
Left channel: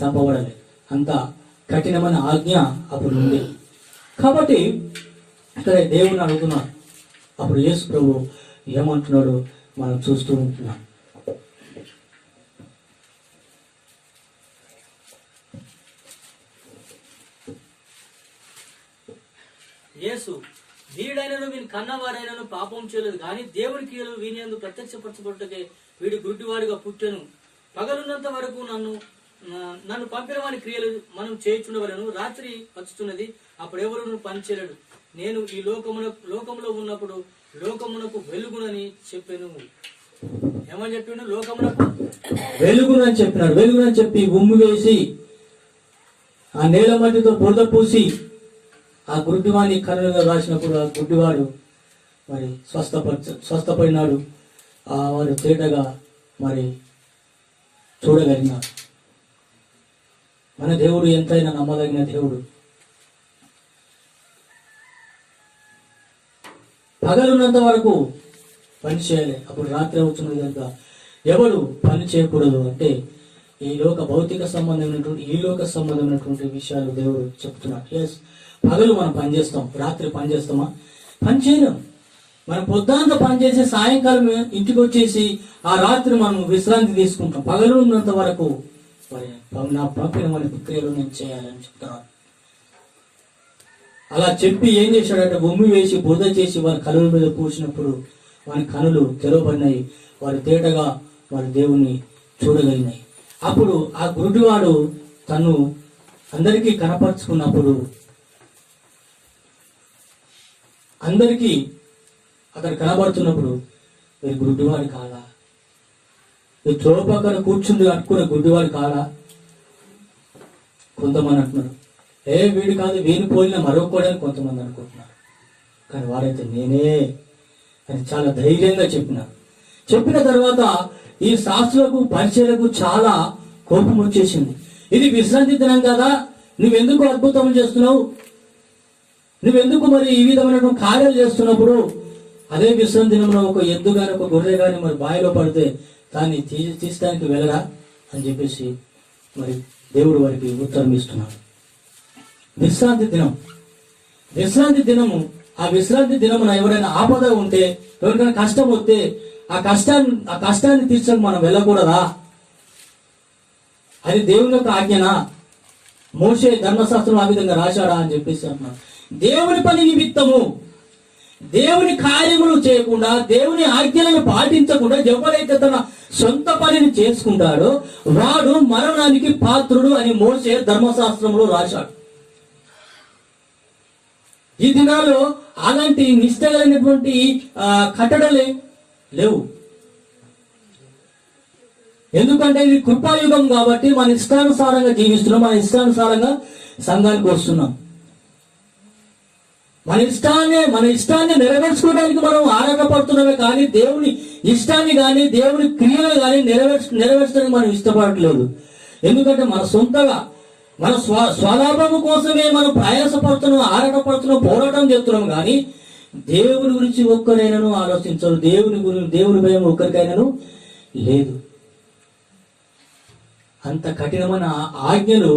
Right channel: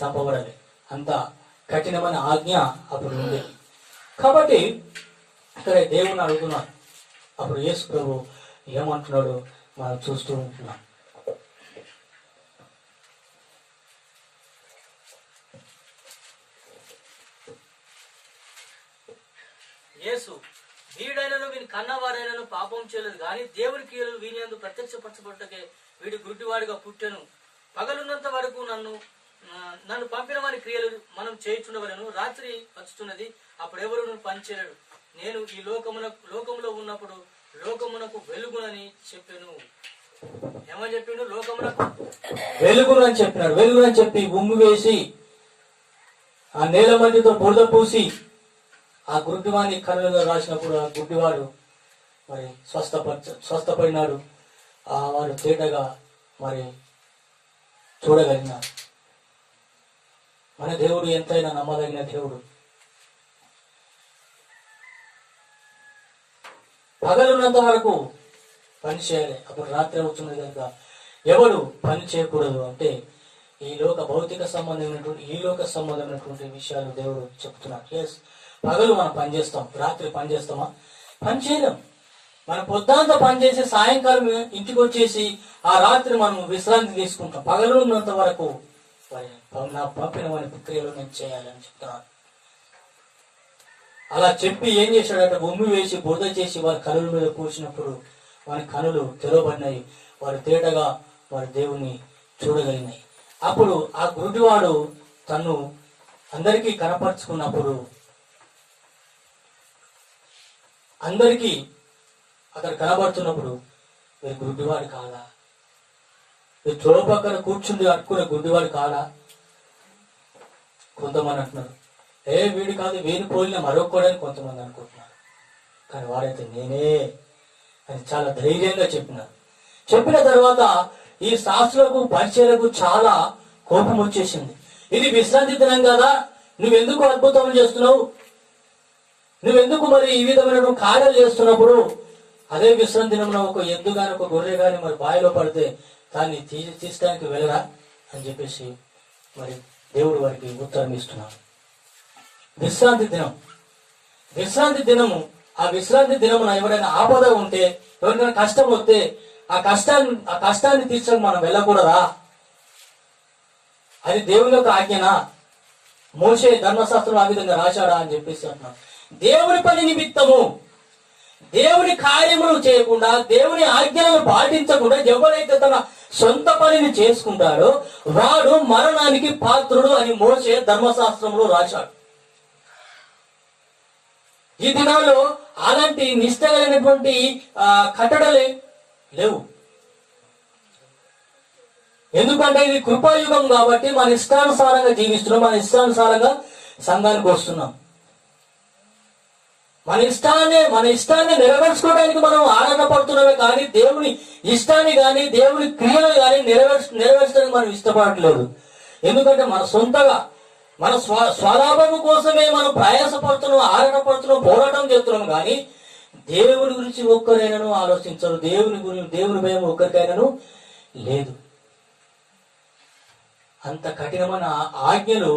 చంపబడాలి. అంత కఠినమైన ఆజ్ఞ అప్పుడు ఉంది. కాబట్టి ఇక్కడ దేవుని అడుగుతున్నాడు. అప్పుడు యేసు ప్రభు ఏమంటున్నాడు మనం చూస్తూ ఉంటున్నాం. యేసు వీడైనను వీని కన్నవారైనను పాపం చేయలేదు, కానీ దేవుని క్రియలు వీని యందు ప్రత్యక్షపరచబడుటకే వీడి గుడ్డివాడిగా పుట్టెను. పగలున్నంత వరకు నన్ను పంపిన వారి క్రియలు మనం చేయించుండవలను. రాత్రి వచ్చుతున్నది, అప్పుడు ఎవరు పని చేయలేడు. నేను ఈ లోకములో ఉన్నప్పుడు లోకమునకు వెలుగునని చెప్పాను. ఏమని చెప్పిండు? లోకమునకు వెలుగును అని చెప్పినాడు. వెలుగునని చెప్పి ఉమ్మి వేసి ఆ నేల మధ్యతో బురద పూసి ఆ గుడ్డివాని కన్నులుగా రాసినప్పుడు ఆ గుడ్డివాడు మరి స్వస్థపడినాడు. వారు తేటగా మరి చూడగలిగినారు. మన దేవుడు ఎంతైనా నమ్మదగిన దేవుడు. పగలున్నంత వరకు పని చేయాలి, అప్పుడు రాత్రి అవుతున్నది కనుక ఎవరు పని చేయకూడదు అంటే ఈ లోక భౌతిక సంబంధమైనటువంటి, ఈ లోక సంబంధమైనటువంటి విషయాలు దేవుడు చెప్తున్నాడు. ఎస్, పగలు మనం పని చేస్తాం, రాత్రి పని చేస్తామా? పని చేయలేం. మనం పొద్దుంతా పని చేసి సాయంకాలం ఇంటికి వచ్చేసి ఆ రాత్రి మనం విశ్రాంతి తీసుకుంటాం. పగలు ఉన్నంత వరకు మరి నా పంపిన వారి క్రియలు నేను చేయాలని చెప్తున్నాను. అలా చెప్పి ఏం చేశాడంటే ఉమ్మి వేసి బురద చేసి వారి కనుల మీద పూసినప్పుడు వారి కనులు తెరవబడినాయి. వారి తేటగా వారి దేవుని చూడగలిగినాయి. అప్పుడు ఆ గురుడివాడు తను అందరికీ కనపరుచుకున్నప్పుడు అందరికీ అక్కడ కనబడుతున్నప్పుడు మీరు గుడ్డివాడు కాదా, మీరు త్రోవ పక్కన కూర్చుండి అట్టుకునే గుడ్డివాడు కాదా? కొంతమంది అంటున్నారు, వీడు కాదు, వీని పోలిన మరొకడని కొంతమంది అనుకుంటున్నారు. కానీ వాడైతే నేనే అని చాలా ధైర్యంగా చెప్పినారు. చెప్పిన తర్వాత ఈ శాస్త్రులకు పరిచయలకు చాలా కోపం వచ్చేసింది. ఇది విశ్రాంతి దినం కదా, నువ్వెందుకు అద్భుతములు చేస్తున్నావు, నువ్వెందుకు మరి ఈ విధమైన కార్యాలు చేస్తున్నప్పుడు అదే విశ్రాంతి దినంలో ఒక ఎద్దు గాని ఒక గొర్రె గాని మరి బావిలో పడితే దాన్ని తీసడానికి వెళ్ళరా అని చెప్పేసి మరి దేవుడు వారికి ఉత్తరం ఇస్తున్నాడు. విశ్రాంతి దినము ఆ విశ్రాంతి దినమున ఎవరైనా ఆపద ఉంటే, ఎవరికైనా కష్టం వస్తే ఆ కష్టాన్ని తీర్చడానికి మనం వెళ్ళకూడదా? అది దేవుని యొక్క ఆజ్ఞనా? మోషే ధర్మశాస్త్రం ఆ విధంగా రాశాడా అని చెప్పేసి అంటున్నాడు. దేవుని పని నిమిత్తము, దేవుని కార్యములు చేయకుండా, దేవుని ఆజ్ఞలను పాటించకుండా ఎవరైతే తన సొంత పనిని చేసుకుంటాడో వాడు మరణానికి పాత్రుడు అని మోషే ధర్మశాస్త్రంలో రాశాడు. ఈ దినాల్లో అలాంటి నిష్ఠగలైనటువంటి కట్టడలే లేవు. ఎందుకంటే ఇది కృపాయుగం కాబట్టి మన ఇష్టానుసారంగా జీవిస్తున్నాం, మన ఇష్టానుసారంగా సంఘానికి వస్తున్నాం. మన ఇష్టాన్ని నెరవేర్చుకోవడానికి మనం ఆరాటపడుతున్నామే కానీ దేవుని ఇష్టాన్ని కానీ దేవుని క్రియలు కానీ నెరవేర్చడానికి మనం ఇష్టపడట్లేదు. ఎందుకంటే మన సొంతగా మన స్వలాభము కోసమే మనం ప్రయాసపడుతున్నాం, ఆరాటపడుతున్నాం, పోరాటం చేస్తున్నాం. కానీ దేవుని గురించి ఒక్కరైనాను ఆలోచించరు. దేవుని భయం ఒక్కరికైనాను లేదు. అంత కఠినమైన ఆజ్ఞలు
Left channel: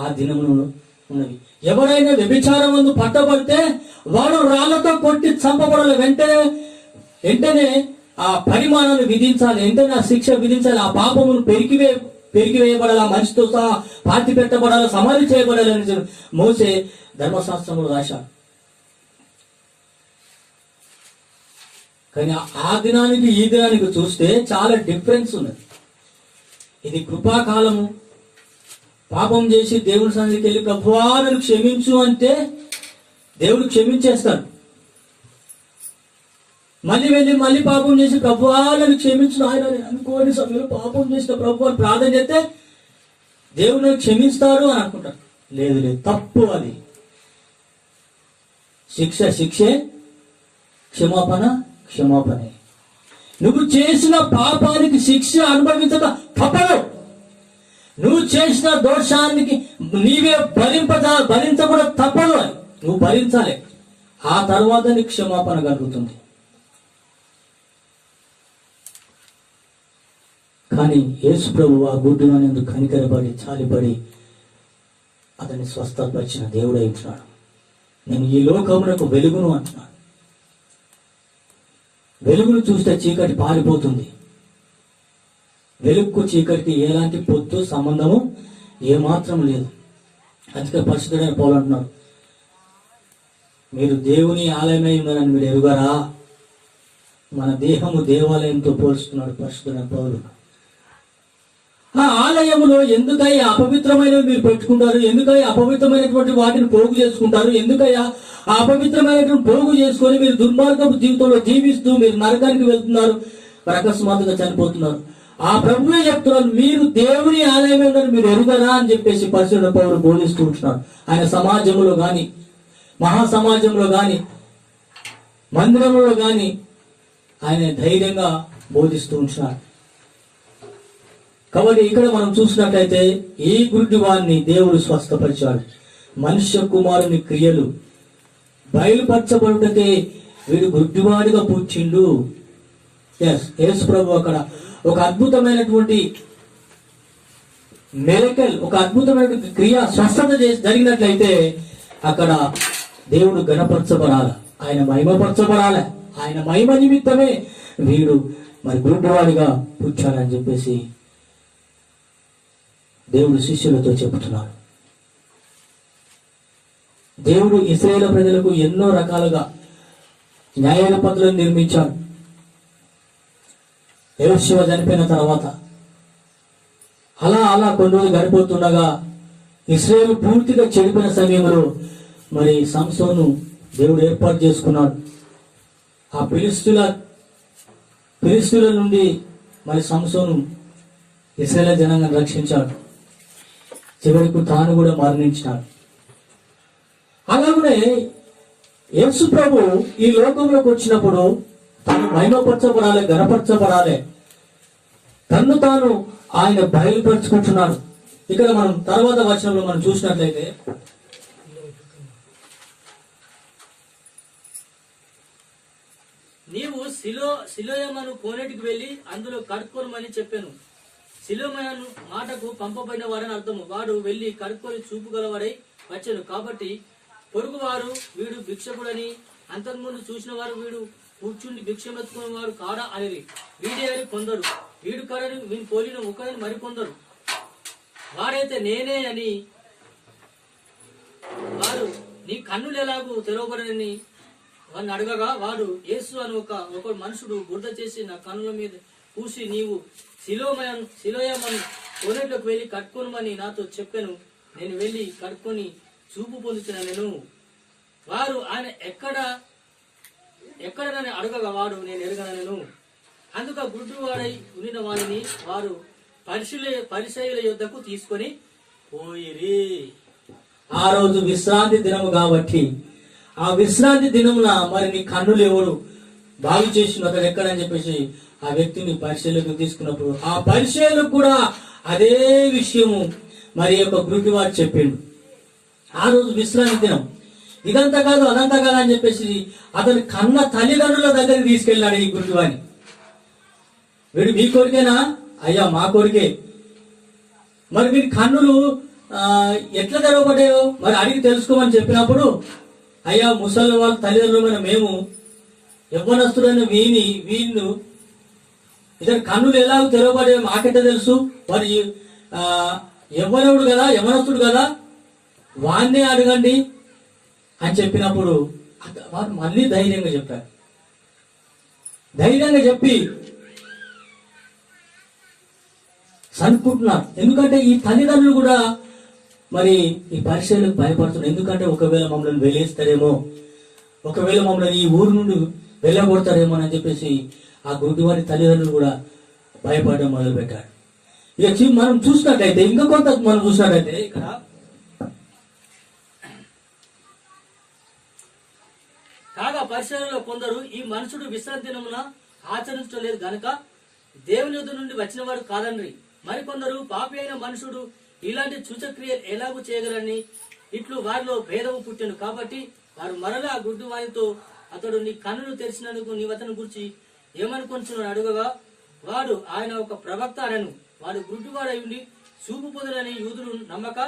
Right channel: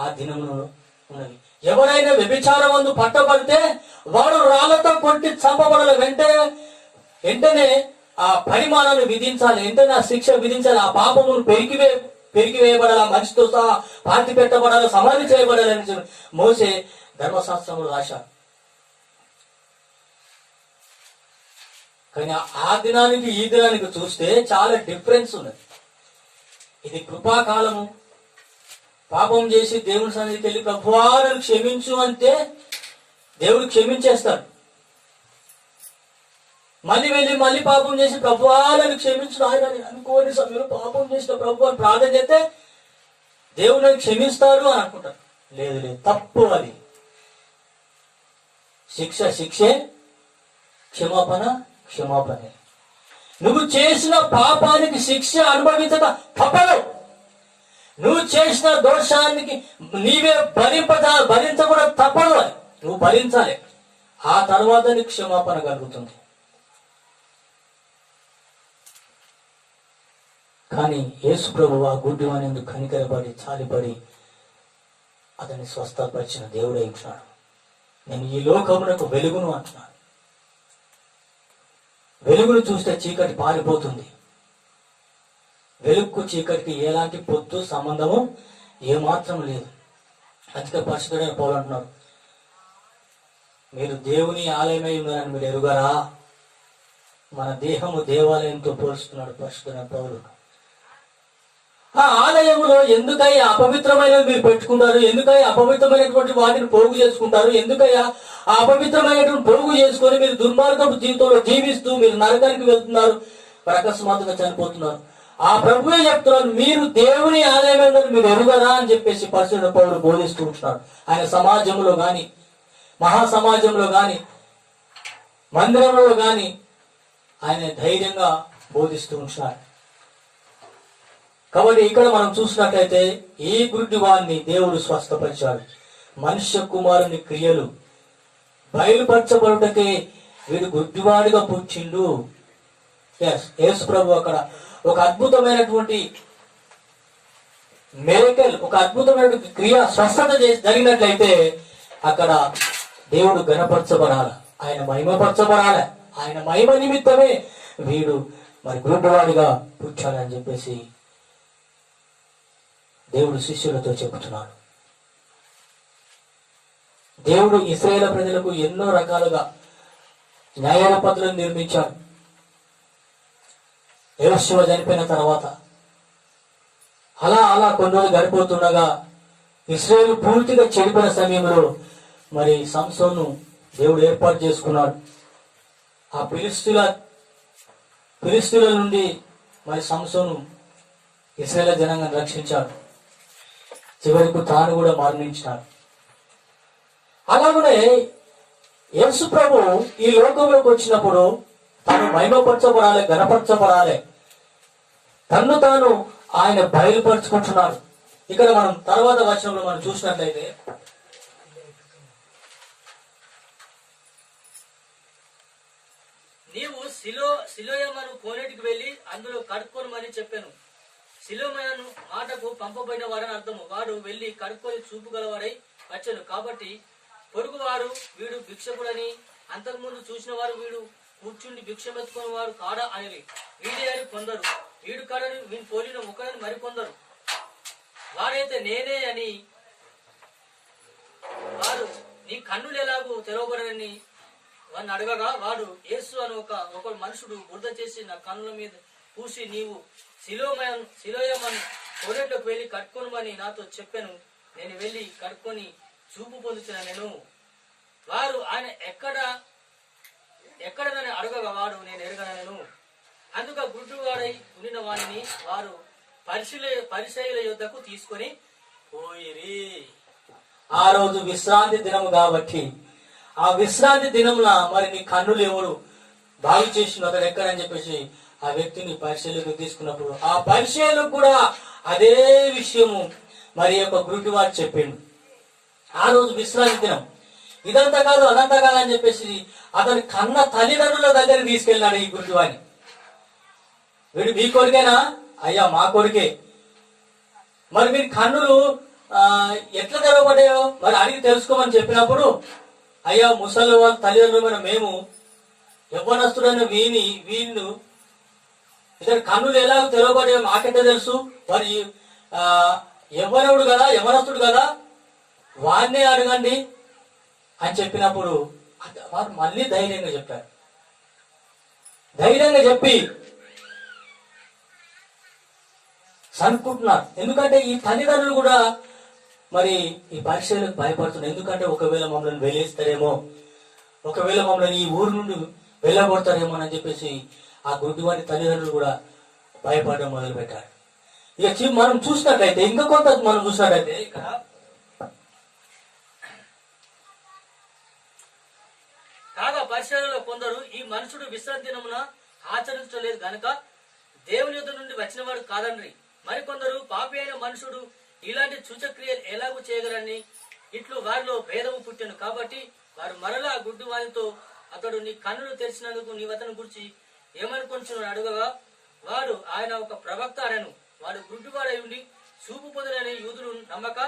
ఆ దినములో ఉన్నవి. ఎవరైనా వ్యభిచారం వందు పట్టబడితే వాడు రాళ్లతో కొట్టి చంపబడాలి. వెంటనే ఆ పరిమాణాన్ని విధించాలి, వెంటనే ఆ శిక్ష విధించాలి. ఆ పాపమును పెరిగివేయబడాలి, ఆ మనిషితో సహా పాతి పెట్టబడాలి, సమాధి చేయబడాలి అని మోసే ధర్మశాస్త్రంలో రాశాడు. కానీ ఆ దినానికి ఈ దినానికి చూస్తే చాలా డిఫరెన్స్ ఉన్నది. ఇది కృపాకాలము. పాపం చేసి దేవుని సన్నిధికి వెళ్ళి ప్రభువా నన్ను క్షమించు అంటే దేవుడు క్షమించేస్తాడు. మళ్ళీ పాపం చేసి ప్రభువా నన్ను క్షమించు ఆయన అనుకోని సమయంలో పాపం చేసిన ప్రభు అని ప్రార్థన చేస్తే దేవుడు నన్ను క్షమిస్తాడు అని అనుకుంటాడు. లేదు, తప్పు. అది శిక్షే, క్షమాపణే. నువ్వు చేసిన పాపానికి శిక్ష అనుభవించక తప్పదు. నువ్వు చేసిన దోషానికి నీవే భరించకుండా తప్పదు. అని నువ్వు భరించాలి. ఆ తర్వాత నీకు క్షమాపణ కలుగుతుంది. కానీ యేసు ప్రభువు ఆ గుడ్డివాని ఎందుకు కనికరపడి చాలిపడి అతన్ని స్వస్థపరిచిన దేవుడై ఉంటున్నాడు. నేను ఈ లోకమునకు వెలుగును అంటున్నాడు. వెలుగును చూస్తే చీకటి పారిపోతుంది. వెలుగుకు చీకటికి ఎలాంటి పొత్తు సంబంధము ఏమాత్రం లేదు. అందుకే పరిశుద్ధుడైన పౌలు అంటున్నారు, మీరు దేవుని ఆలయమై ఉన్నారని మీరు ఎరుగరా? మన దేహము దేవాలయంతో పోల్చుతున్నాడు పరిశుద్ధుడైన పౌలు. ఆ ఆలయములో ఎందుకయ్యా అపవిత్రమైనవి మీరు పెట్టుకుంటారు? ఎందుకయ్యా అపవిత్రమైనటువంటి వాటిని పోగు చేసుకుంటారు? ఎందుకయ్యా ఆ అపవిత్రమైనటువంటి పోగు చేసుకొని మీరు దుర్మార్గపు జీవితంలో జీవిస్తూ మీరు నరకానికి వెళ్తున్నారు, అకస్మాత్తుగా చనిపోతున్నారు. ఆ ప్రభువే చెప్తున్నారు, మీరు దేవుని ఆలయమే మీరు ఎరుగరా అని చెప్పేసి పరిశుద్ధ పౌరులు బోధిస్తూ ఉంటున్నారు. ఆయన సమాజంలో గాని, మహాసమాజంలో గాని, మందిరంలో గాని ఆయన ధైర్యంగా బోధిస్తూ ఉంటున్నారు. కాబట్టి ఇక్కడ మనం చూసినట్లయితే ఈ గుడ్డివాణ్ణి దేవుడు స్వస్థపరిచాడు. మనుష్య కుమారుని క్రియలు బయలుపరచబడుటకే వీడు గుడ్డివాడిగా పుట్టిండు. యేసు ప్రభు అక్కడ ఒక అద్భుతమైనటువంటి మిరకల్, ఒక అద్భుతమైనటువంటి క్రియ స్వస్థత జరిగినట్లయితే అక్కడ దేవుడు ఘనపరచబడాలి, ఆయన మహిమపరచబడాలి. ఆయన మహిమ నిమిత్తమే వీడు మరి గుడ్డివాడిగా పుట్టాడని చెప్పేసి దేవుడు శిష్యులతో చెబుతున్నాడు. దేవుడు ఇశ్రాయేలు ప్రజలకు ఎన్నో రకాలుగా న్యాయ పద్ధతులను నిర్మించాడు. యెహోషువ చనిపోయిన తర్వాత అలా కొన్ని రోజులు గడిపోతుండగా ఇశ్రాయేలు పూర్తిగా చెడిపోయిన సమయంలో మరి సంసోను దేవుడు ఏర్పాటు చేసుకున్నాడు. ఆ ఫిలిష్తీయుల నుండి మరి సంసోను ఇశ్రాయేలు జనాంగాన్ని రక్షించాడు. చివరికి తాను కూడా మరణించినాడు. అలాగనే యేసు ప్రభు ఈ లోకంలోకి వచ్చినప్పుడు తాను మహిమపరచబడాలి, ఘనపరచబడాలి, తన్ను తాను ఆయన బయలుపరుచుకుంటున్నాడు. ఇక్కడ మనం తర్వాత వచనంలో మనం చూసినట్లయితే నీవు సిలోయమను కోనేటికి వెళ్లి అందులో కడుక్కొనమని చెప్పాను. సిలోయమను మాటకు పంపబడిన వారని అర్థము. వాడు వెళ్లి కడుక్కొని చూపు గలవారై వచ్చాను. కాబట్టి పొరుగువారు వీడు భిక్షకుడని, అంతకుముందు చూసిన వారు వీడు కూర్చుండి భిక్షమెత్తుకున్న వాడు కాడా అనేది వీడే అని కొందరు, వీడు కాడని వీని పోలిన ఒకరని మరికొందరు, వాడైతే నేనే అని వారు నీ కన్నులు ఎలాగూ తెరవబడని వాడిని అడగగా వాడు యేసు అని ఒక మనుషుడు బురద చేసి నా కన్నుల మీద పూసి నీవు సిలోయమను కోనేట్లోకి వెళ్లి కట్టుకోనమని నాతో చెప్పాను. నేను వెళ్లి కట్టుకొని చూపు పొందుతున్నా నేను. వారు ఆయన ఎక్కడ నన్ను అడగగా వాడు నేను ఎరగనను. అందుక గుడ్డువాడై ఉండిన వారిని వారు పరిసయ్యుల యొద్దకు తీసుకొని పోయిరి. ఆ రోజు విశ్రాంతి దినము కాబట్టి ఆ విశ్రాంతి దినమున మరి నీ కన్నులు ఎవరు బాగు చేసిన అతడు ఎక్కడని చెప్పేసి ఆ వ్యక్తిని పరిశీలనకు తీసుకున్నప్పుడు ఆ పరిశీలకు కూడా అదే విషయము మరి యొక్క గుడ్డివాడు చెప్పిండు. ఆ రోజు విశ్రాంతి దినం. ఇదంతా కాదు అదంతా కాదు అని చెప్పేసి అతని కన్న తల్లిదండ్రుల దగ్గరికి తీసుకెళ్ళినాడు ఈ గుడ్డివాడిని. వీడు మీ కొడుకేనా? అయ్యా మా కొడుకే. మరి మీరు కన్నులు ఎట్లా తెరవబడ్డాయో మరి అడిగి తెలుసుకోమని చెప్పినప్పుడు అయ్యా ముసలి వాళ్ళ తల్లిదండ్రులమైన మేము యవ్వనస్తుడైన వీళ్ళు ఇతను కన్నులు ఎలా తెరవబడ్డాయో మాకెట్ట తెలుసు, మరి యవ్వనుడు కదా యవ్వనస్తుడు కదా వాన్నే అడగండి అని చెప్పినప్పుడు వారు మళ్ళీ ధైర్యంగా చెప్పారు. ధైర్యంగా చెప్పి అనుకుంటున్నారు. ఎందుకంటే ఈ తల్లిదండ్రులు కూడా మరి ఈ పరిచయలకు భయపడుతున్నారు. ఎందుకంటే ఒకవేళ మమ్మల్ని వెలేస్తారేమో, ఒకవేళ మమ్మల్ని ఈ ఊరు నుండి వెళ్ళగొడతారేమో అని చెప్పేసి ఆ గుడ్డివారి తల్లిదండ్రులు కూడా భయపడడం మొదలు పెట్టారు. ఇక మనం చూసినట్లయితే ఇంకా కొంత మనం చూసినట్లయితే ఇక్కడ కాగా పరిశీలనలో కొందరు ఈ మనుషుడు విశ్రాంతి దినమున ఆచరించలేదు గనుక దేవుని యొద్ద నుండి వచ్చినవాడు కాదండ్రి. మరికొందరు పాపి అయిన మనుషుడు ఇలాంటి సూచక్రియలు ఎలాగూ చేయగలని ఇట్లు వారిలో భేదము పుట్టాను. కాబట్టి వారు మరలా గుడ్డి వారితో అతడు నీ కన్నులు తెరిచినందుకు నీ అతని గురించి ఏమనుకొంచున్నాడు అడుగగా వాడు ఆయన ఒక ప్రవక్త అనను. వాడు గుడ్డివాడై ఉండి చూపు పొందినని యూదులు నమ్మక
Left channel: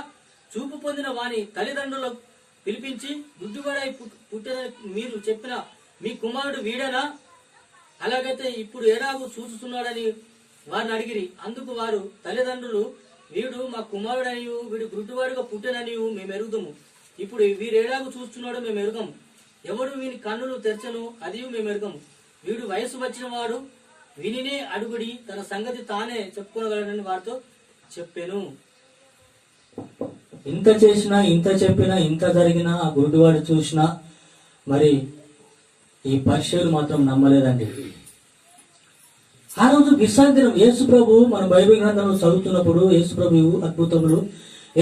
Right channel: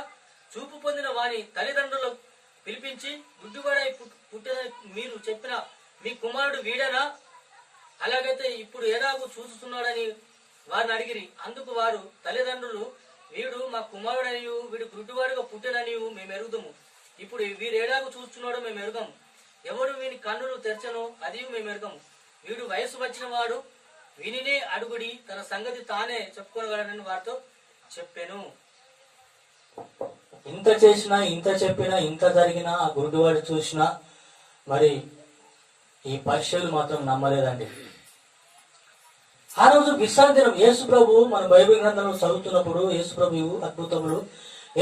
చూపు పొందిన వాని తల్లిదండ్రులు పిలిపించి గుడ్డివాడై పుట్టినని మీరు చెప్పిన మీ కుమారుడు వీడనా? అలాగైతే ఇప్పుడు ఎలాగూ చూస్తున్నాడని వారిని అడిగిరి. అందుకు వారు తల్లిదండ్రులు వీడు మా కుమారుడనియు వీడు గుడ్డివాడుగా పుట్టిననియు మేము ఎరుగుదాము. ఇప్పుడు వీరేడాగు చూస్తున్నాడో మేము ఎరుగము. ఎవడు వీని కన్నులు తెరచను అది మేము ఎరుగము. వీడు వయసు వచ్చిన వాడు వినినే అడుగుడి తన సంగతి తానే చెప్పుకోగలడని వారితో చెప్పాను. ఇంత చేసినా ఇంత చెప్పినా ఇంత జరిగినా ఆ గుడ్డివాడు చూసినా మరి ఈ పరిచయులు మాత్రం నమ్మలేదండి. ఆ రోజు విశ్రాంతి దినం యేసు ప్రభు మన బైబిల్ గ్రంథంలో చదువుతున్నప్పుడు యేసు ప్రభు అద్భుతములు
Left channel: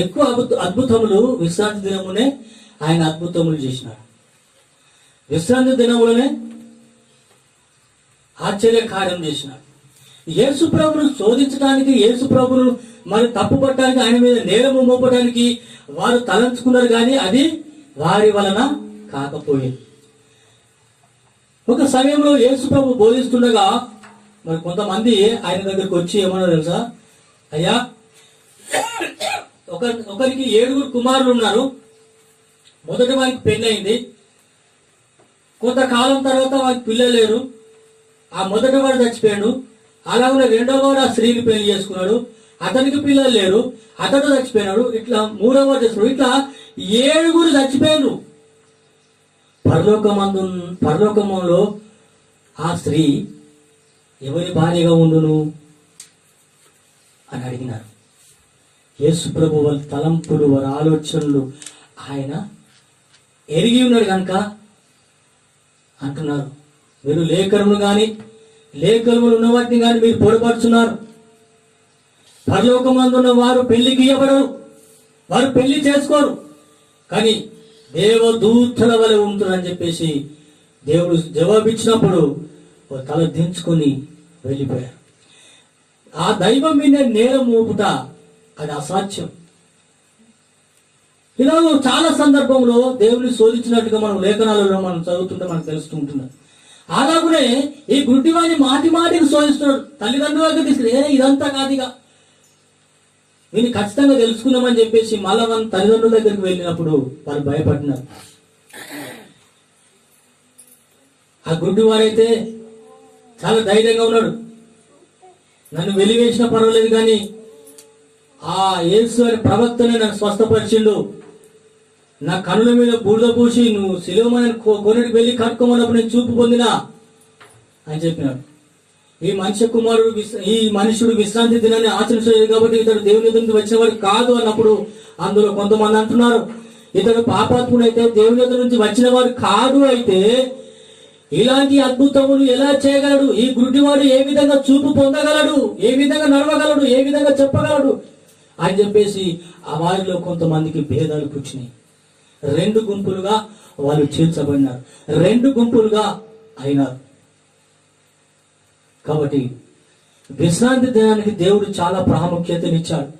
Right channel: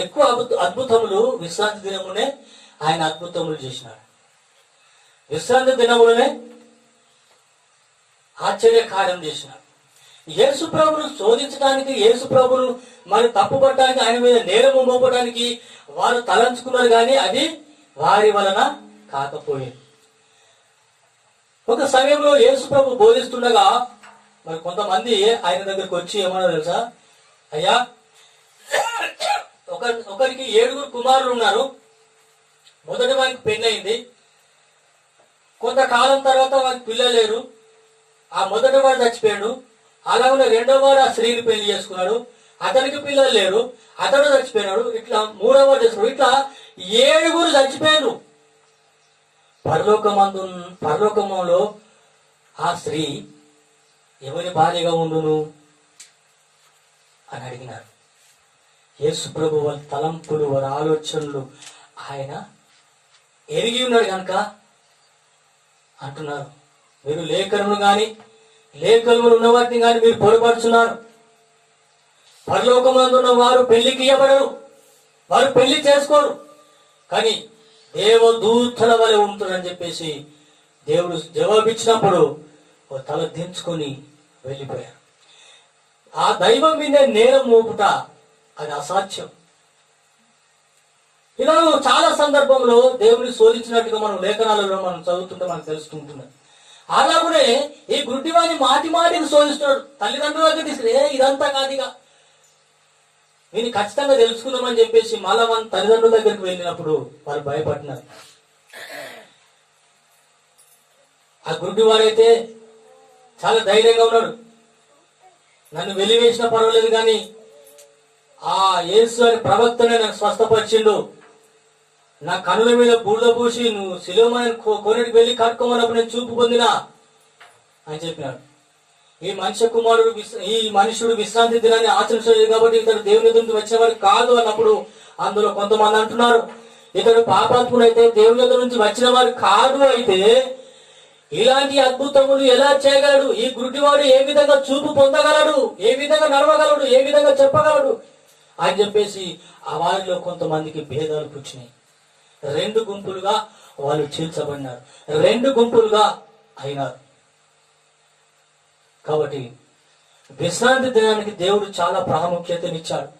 ఎక్కువ అద్భుతములు విశ్రాంతి దినమునే ఆయన అద్భుతములు చేసినాడు. విశ్రాంతి దినములనే ఆశ్చర్య కార్యం చేసినాడు. యేసు ప్రభును శోధించడానికి యేసు ప్రభును మరి తప్పుపట్టడానికి ఆయన మీద నేరము మోపడానికి వారు తలంచుకున్నారు కానీ అది వారి వలన కాకపోయింది. ఒక సమయంలో యేసు ప్రభు బోధిస్తుండగా మరి కొంతమంది ఆయన దగ్గరికి వచ్చి ఏమన్నా తెలుసా, అయ్యా ఒకరికి 7 కుమారులు ఉన్నారు. మొదటి వారికి పెళ్లి అయింది. కొంతకాలం తర్వాత వారికి పిల్లలు లేరు. ఆ మొదటి వాడు చచ్చిపోయాడు. అలాగనే రెండో వాడు ఆ స్త్రీని పెళ్లి చేసుకున్నాడు. అతనికి పిల్లలు లేరు, అతడు చచ్చిపోయినాడు, ఇట్లా 3వ దశలో ఇట్లా 7 చచ్చిపోయారు. పరలోకమంలో ఆ స్త్రీ ఎవరి భార్యగా ఉండును అని అడిగినారు. యేసు ప్రభు వాళ్ళ తలంపులు, వారి ఆలోచనలు ఆయన ఎరిగి ఉన్నాడు కనుక అంటున్నారు, మీరు లేఖనములు ఉన్న వాటిని కానీ మీరు పొరపరుచున్నారు. పరలోకమందున్న వారు పెళ్లికి ఇవ్వబడరు, వారు పెళ్లి చేసుకోరు, కానీ దేవదూతల వలె ఉంటుందని చెప్పేసి దేవుడు జవాబిచ్చినప్పుడు తల దించుకొని వెళ్ళిపోయారు. ఆ దైవం మీద నేరం మోపుట అది అసాధ్యం. ఇలా చాలా సందర్భంలో దేవుని శోధించినట్టుగా మనం లేఖనాలలో మనం చదువుతుంటే మనకు తెలుస్తుంటున్నాం. అలాగనే ఈ గుడ్డివాడిని మాటికి శోధిస్తున్నాడు. తల్లిదండ్రులకు తీసుకుని ఇదంతా కాదిగా దీన్ని ఖచ్చితంగా తెలుసుకుందామని చెప్పేసి మళ్ళా మన తల్లిదండ్రుల దగ్గరికి వెళ్ళినప్పుడు వారు భయపడినారు. ఆ గుడ్డివాడైతే చాలా ధైర్యంగా ఉన్నాడు. నన్ను వెలివేసినా పర్వాలేదు, కానీ ఆ యేసు అని ప్రవక్తనే నన్ను స్వస్థపరిచిండు, నా కనుల మీద బూడిద పూసి నువ్వు శిలోమని కొన్నిటికి వెళ్ళి కట్టుకోమన్నప్పుడు నేను చూపు పొందినా అని చెప్పినాడు. ఈ మనుషుడు విశ్రాంతి దినాన్ని ఆచరించలేదు కాబట్టి ఇతడు దేవుని ఎదురు నుంచి వచ్చిన వాడు కాదు అన్నప్పుడు అందులో కొంతమంది అంటున్నారు, ఇతడు పాపాత్ముడు అయితే దేవుని ఎదురు నుంచి వచ్చిన వాడు కాదు, అయితే ఇలాంటి అద్భుతములు ఎలా చేయగలడు? ఈ గుడ్డివాడు ఏ విధంగా చూపు పొందగలడు? ఏ విధంగా నడవగలడు? ఏ విధంగా చెప్పగలడు అని చెప్పేసి ఆ వారిలో కొంతమందికి భేదాలు పుచ్చినాయి. 2 గుంపులుగా వాళ్ళు చీల్చబడినారు, 2 గుంపులుగా అయినారు. కాబట్టి విశ్రాంతి దినానికి దేవుడు చాలా ప్రాముఖ్యతనిచ్చాడు.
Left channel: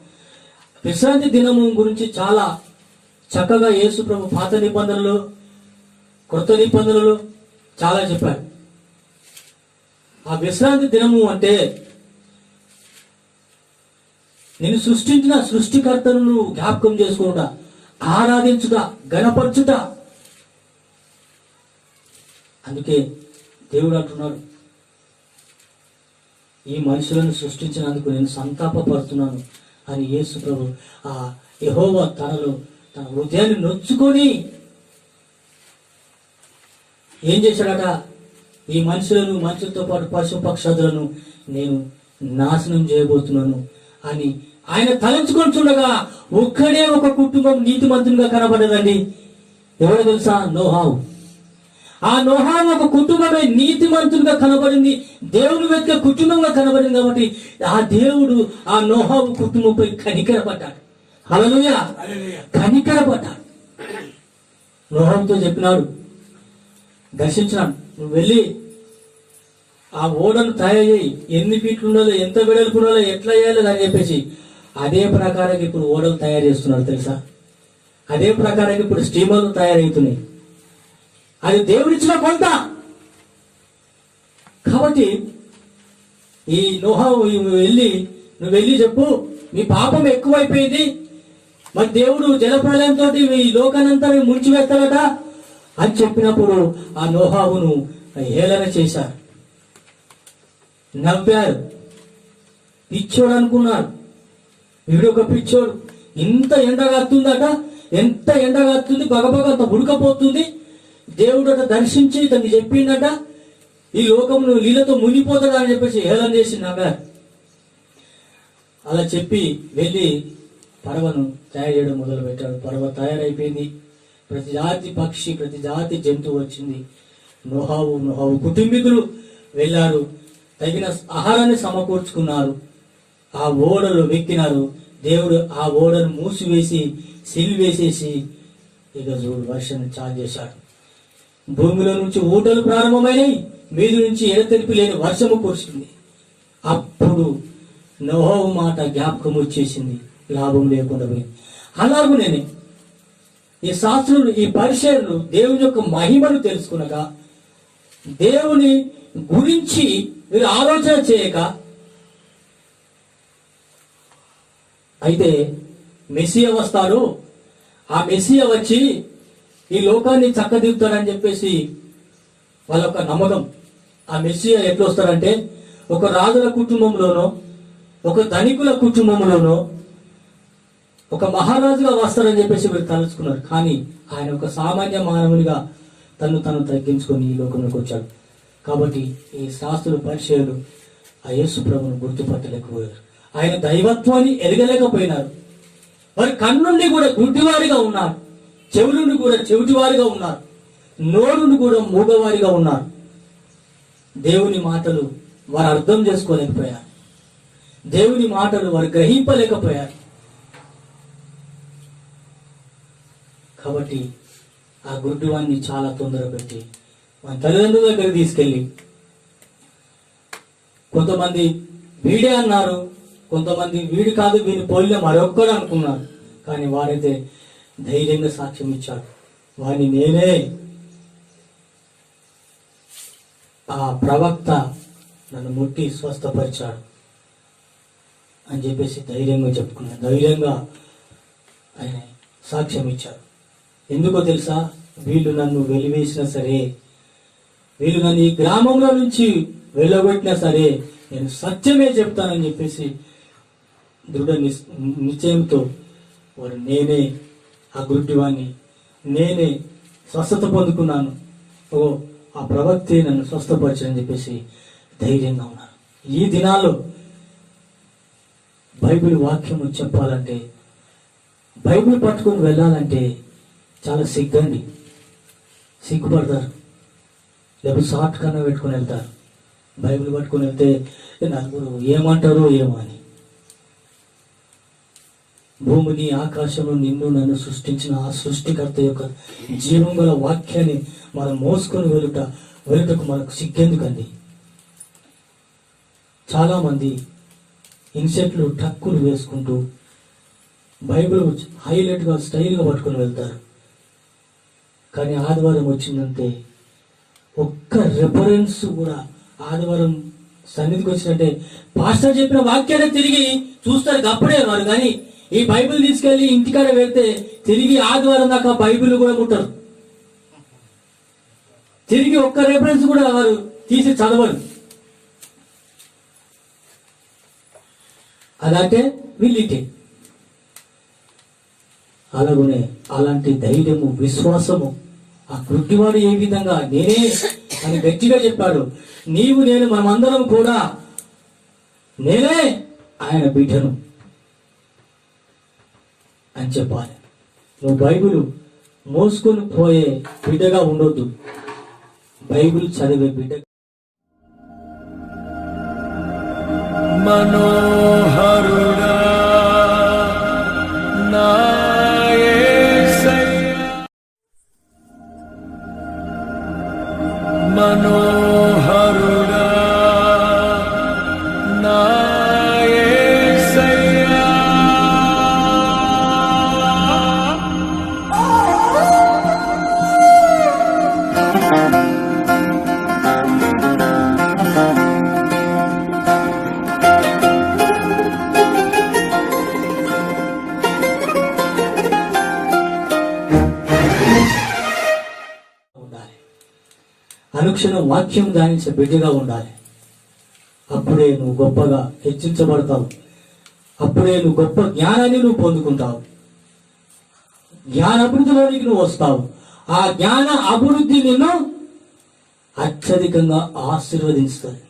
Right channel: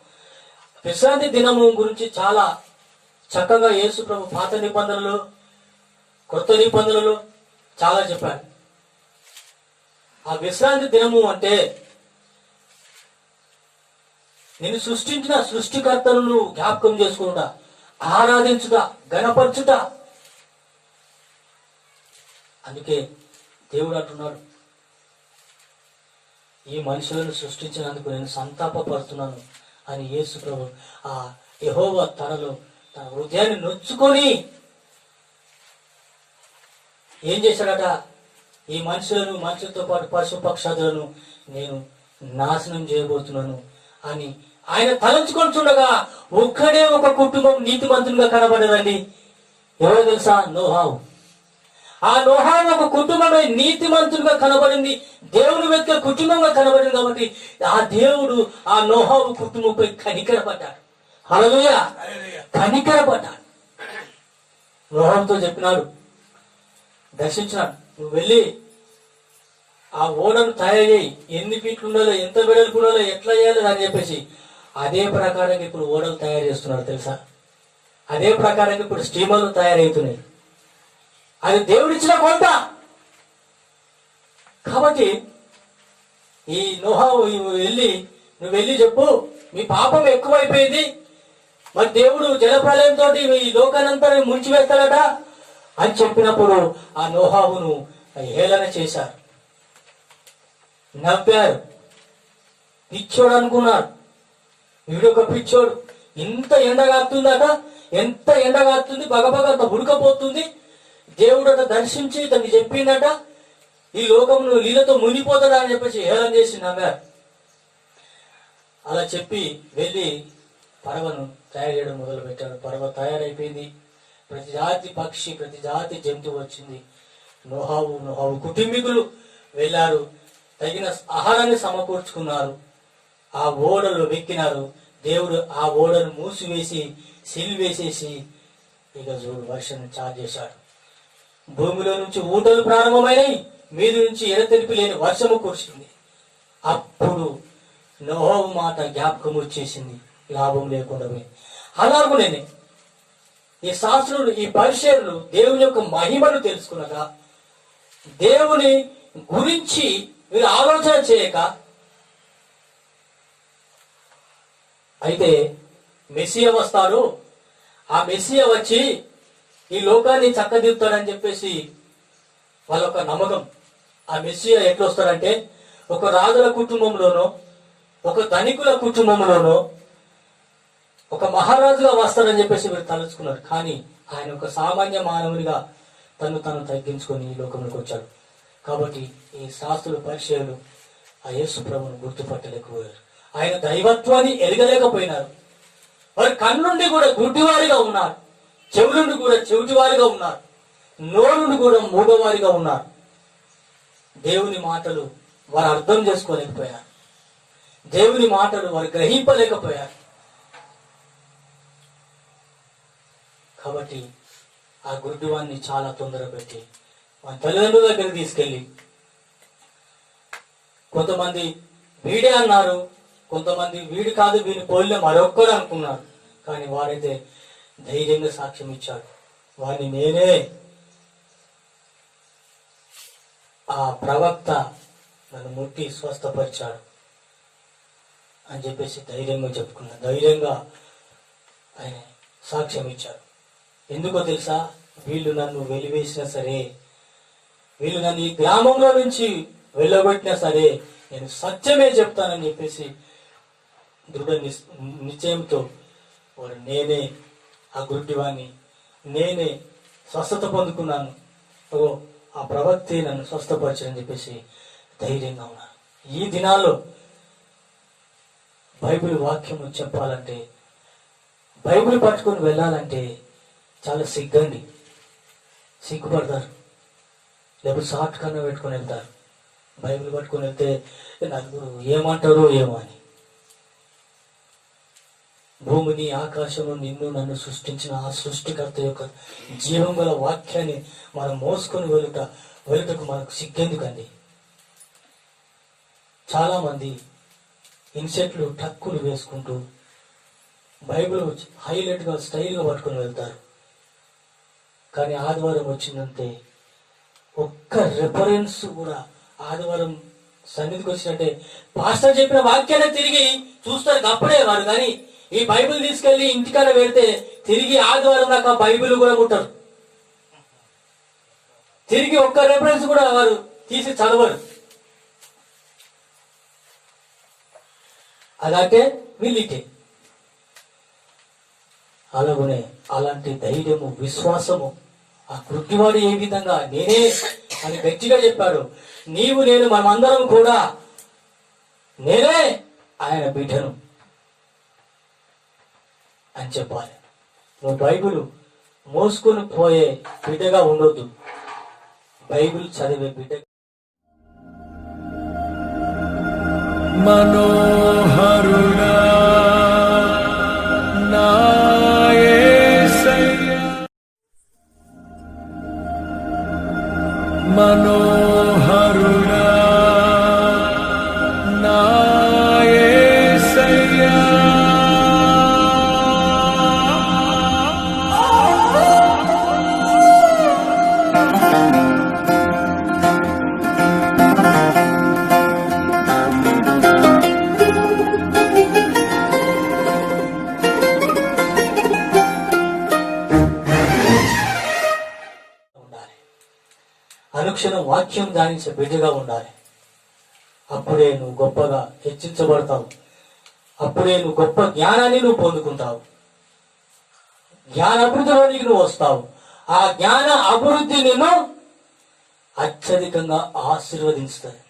విశ్రాంతి దినము గురించి చాలా చక్కగా యేసు ప్రభు పాత నిబంధనలు, కొత్త నిబంధనలు చాలా చెప్పాడు. ఆ విశ్రాంతి దినము అంటే నేను సృష్టించిన సృష్టికర్తను జ్ఞాపకం చేసుకుంటా, ఆరాధించుట, గణపరచుట. అందుకే దేవుడు అంటున్నాడు, ఈ మనుషులను సృష్టించినందుకు నేను సంతాపపడుతున్నాను అని యేసు ప్రభు ఆ యెహోవా తన హృదయాన్ని నొచ్చుకొని ఏం చేశాడట? ఈ మనుషులతో పాటు పశు పక్షాదులను నేను నాశనం చేయబోతున్నాను అని ఆయన తలంచుకొని చూడగా ఒక్కడే ఒక కుటుంబం నీతిమంతునిగా కనబడదండి. ఎవరో తెలుసా? నోహావు. ఆ నోహావు ఒక కుటుంబమే నీతిమంతునిగా కనబడింది, దేవుని వెతికే కుటుంబంగా కనబడింది. కాబట్టి ఆ దేవుడు ఆ నోహావు కుటుంబంపై కనికరపడ్డాడు. హల్లెలూయా, కనికరపడ్డాడు. నోహావుతో చెప్పినాడు, దర్శించినాడు, నువ్వు వెళ్ళి ఆ ఓడను తయారు చేయి, ఎన్ని ఫీట్లు ఉండాలో, ఎంత వెడల్పు ఉండాలో, ఎట్లా చేయాలి అని చెప్పేసి అదే ప్రకారంగా ఇప్పుడు ఓడలు తయారు చేస్తున్నారు తెలుసా. అదే ప్రకారంగా ఇప్పుడు స్టీమర్లు తయారవుతున్నాయి. అది దేవుడిచ్చిన కొంత. కాబట్టి ఈ నోహావు నువ్వు వెళ్ళి చెప్పు, మీ పాపం ఎక్కువైపోయింది, మరి దేవుడు జలప్రలయంతో ఈ లోకానంతా ముంచివేస్తాడట అని చెప్పినప్పుడు ఆ నోహావును హేళన చేశారు, నవ్వారు, పిచ్చోడు అనుకున్నారు. వీడొక పిచ్చోడు, ఇంత ఎండగాస్తుందట, ఎంత ఎండగాస్తుంది, బగబగ అంత ఉడకపోతుంది, దేవుడట దర్శించి ఇతన్ని చెప్పిండట ఈ లోకమును నీళ్ళతో మునిగిపోతాడా అని చెప్పేసి హేళన చేసి నవ్వారు. అలా చెప్పి వెళ్ళి పడవను తయారు చేయడం మొదలు పెట్టాడు. పడవ తయారైపోయింది, ప్రతి జాతి పక్షి, ప్రతి జాతి జంతువు వచ్చింది. నోహావు కుటుంబీకులు వెళ్ళారు, తగిన ఆహారాన్ని సమకూర్చుకున్నారు, ఆ ఓడలు వెక్కినారు. దేవుడు ఆ ఓడను మూసివేసి సిలివేసేసి ఇక చూడు వర్షం చాలు చేశాడు. భూమిలో నుంచి ఊటలు ప్రారంభమైనవి, మీది నుంచి ఎడతెరిపి లేని వర్షము కురిసింది. అప్పుడు నోహావు మాట జ్ఞాపకం వచ్చేసింది, లాభం లేకుండా పోయింది. అలాగనే ఈ శాస్త్రులు, ఈ పరిచర్లు దేవుని యొక్క మహిమను తెలుసుకునగా, దేవుని గురించి వీరు ఆలోచన చేయక, అయితే మెస్సియా వస్తాడు, ఆ మెస్సియా వచ్చి ఈ లోకాన్ని చక్కదిద్దుతాడని చెప్పేసి వాళ్ళ ఒక నమ్మకం. ఆ మెస్సియా ఎట్లా వస్తాడంటే ఒక రాజుల కుటుంబంలోనో ఒక ధనికుల కుటుంబంలోనో ఒక మహారాజుగా వస్తారని చెప్పేసి వీరు తలుచుకున్నారు. కానీ ఆయన ఒక సామాన్య మానవునిగా తను తగ్గించుకొని ఈ లోకంలోకి వచ్చాడు. కాబట్టి ఈ శాస్త్రులు పరిచయాలు ఆ యేసు ప్రభువును గుర్తుపట్టలేకపోయారు. ఆయన దైవత్వాన్ని ఎరగలేకపోయినారు. వారి కన్నుండి కూడా గుడ్డివారిగా ఉన్నారు, చెవులుండి కూడా చెవిటివారిగా ఉన్నారు, నోరుండి కూడా మూగవారిగా ఉన్నారు. దేవుని మాటలు వారు అర్థం చేసుకోలేకపోయారు, దేవుని మాటలు వారు గ్రహింపలేకపోయారు. కాబట్టి ఆ గుడ్డివాన్ని చాలా తొందర పెట్టి మన తల్లిదండ్రుల దగ్గరికి తీసుకెళ్ళి, కొంతమంది వీడే అన్నారు, కొంతమంది వీడి కాదు వీని పోలిన మరొక్కడు అనుకున్నారు. కానీ వారైతే ధైర్యంగా సాక్ష్యం ఇచ్చాడు, వారిని నేనే, ఆ ప్రవక్త నన్ను ముట్టి స్వస్థపరిచాడు అని చెప్పేసి ధైర్యంగా చెప్పుకున్నాడు. ధైర్యంగా ఆయన సాక్ష్యం ఇచ్చాడు. ఎందుకో తెలుసా? వీళ్ళు నన్ను వెలివేసినా సరే, వీళ్ళు నన్ను ఈ గ్రామంలో నుంచి వెళ్ళగొట్టినా సరే నేను సత్యమే చెప్తానని చెప్పేసి దృఢ నిశ్చయంతో వారు నేనే ఆ గుడ్డివాణ్ణి, నేనే స్వస్థత పొందుకున్నాను, ఓ ఆ ప్రవక్తే నన్ను స్వస్థపరచని చెప్పేసి ధైర్యంగా ఉన్నాను. ఈ దినాల్లో బైబిల్ వాక్యము చెప్పాలంటే, బైబిల్ పట్టుకొని వెళ్ళాలంటే చాలా సిగ్గుపడతారు. లేకపోతే షార్ట్ కన్నా పెట్టుకొని వెళ్తారు. బైబిల్ పట్టుకొని వెళ్తే నలుగురు ఏమంటారో ఏమో అని. భూమిని ఆకాశము నిన్ను నన్ను సృష్టించిన ఆ సృష్టికర్త యొక్క జీవం గల వాక్యాన్ని మనం మోసుకొని వెళ్ళుటకు మనకు సిగ్గెందుకండి? చాలా మంది ఇన్సెట్లు టక్కులు వేసుకుంటూ బైబిల్ హైలైట్గా స్టైల్గా పట్టుకొని వెళ్తారు. కానీ ఆదివారం వచ్చిందంటే ఒక్క రెఫరెన్స్ కూడా, ఆదివారం సన్నిధికి వచ్చినట్టే పాస్టర్ చెప్పిన వాక్యాన్ని తిరిగి చూస్తారు అప్పుడే వారు. కానీ ఈ బైబిల్ తీసుకెళ్లి ఇంటికాడ పెడితే తిరిగి ఆదివారం దాకా బైబిల్ కూడా ముట్టరు, తిరిగి ఒక్క రెఫరెన్స్ కూడా వారు తీసి చదవరు. అలాగే వీళ్ళిటే అలాగనే అలాంటి ధైర్యము, విశ్వాసము ఆ గుడ్డివాడు ఏ విధంగా నేనే అని గట్టిగా చెప్పాడు. నీవు నేను మనమందరం కూడా నేనే ఆయన బిడ్డను అని చెప్పాలి. నువ్వు బైబిల్ మోసుకొని పోయే బిడ్డగా ఉండొద్దు, బైబిల్ చదివే బిడ్డ. మనోహరుడా నా యేసయ్యా, మనోహరుడా నా యేసయ్యా, అనుక్షణం వాక్యం ధ్యానించే బిడ్డగా ఉండాలి. అప్పుడే నువ్వు గొప్పగా హెచ్చించబడతావు, అప్పుడే నువ్వు గొప్ప జ్ఞానాన్ని నువ్వు పొందుకుంటావు, జ్ఞానాభివృద్ధిలోనికి నువ్వు వస్తావు. ఆ జ్ఞాన అభివృద్ధి నిన్ను అత్యధికంగా ఆశీర్వదిస్తుంది.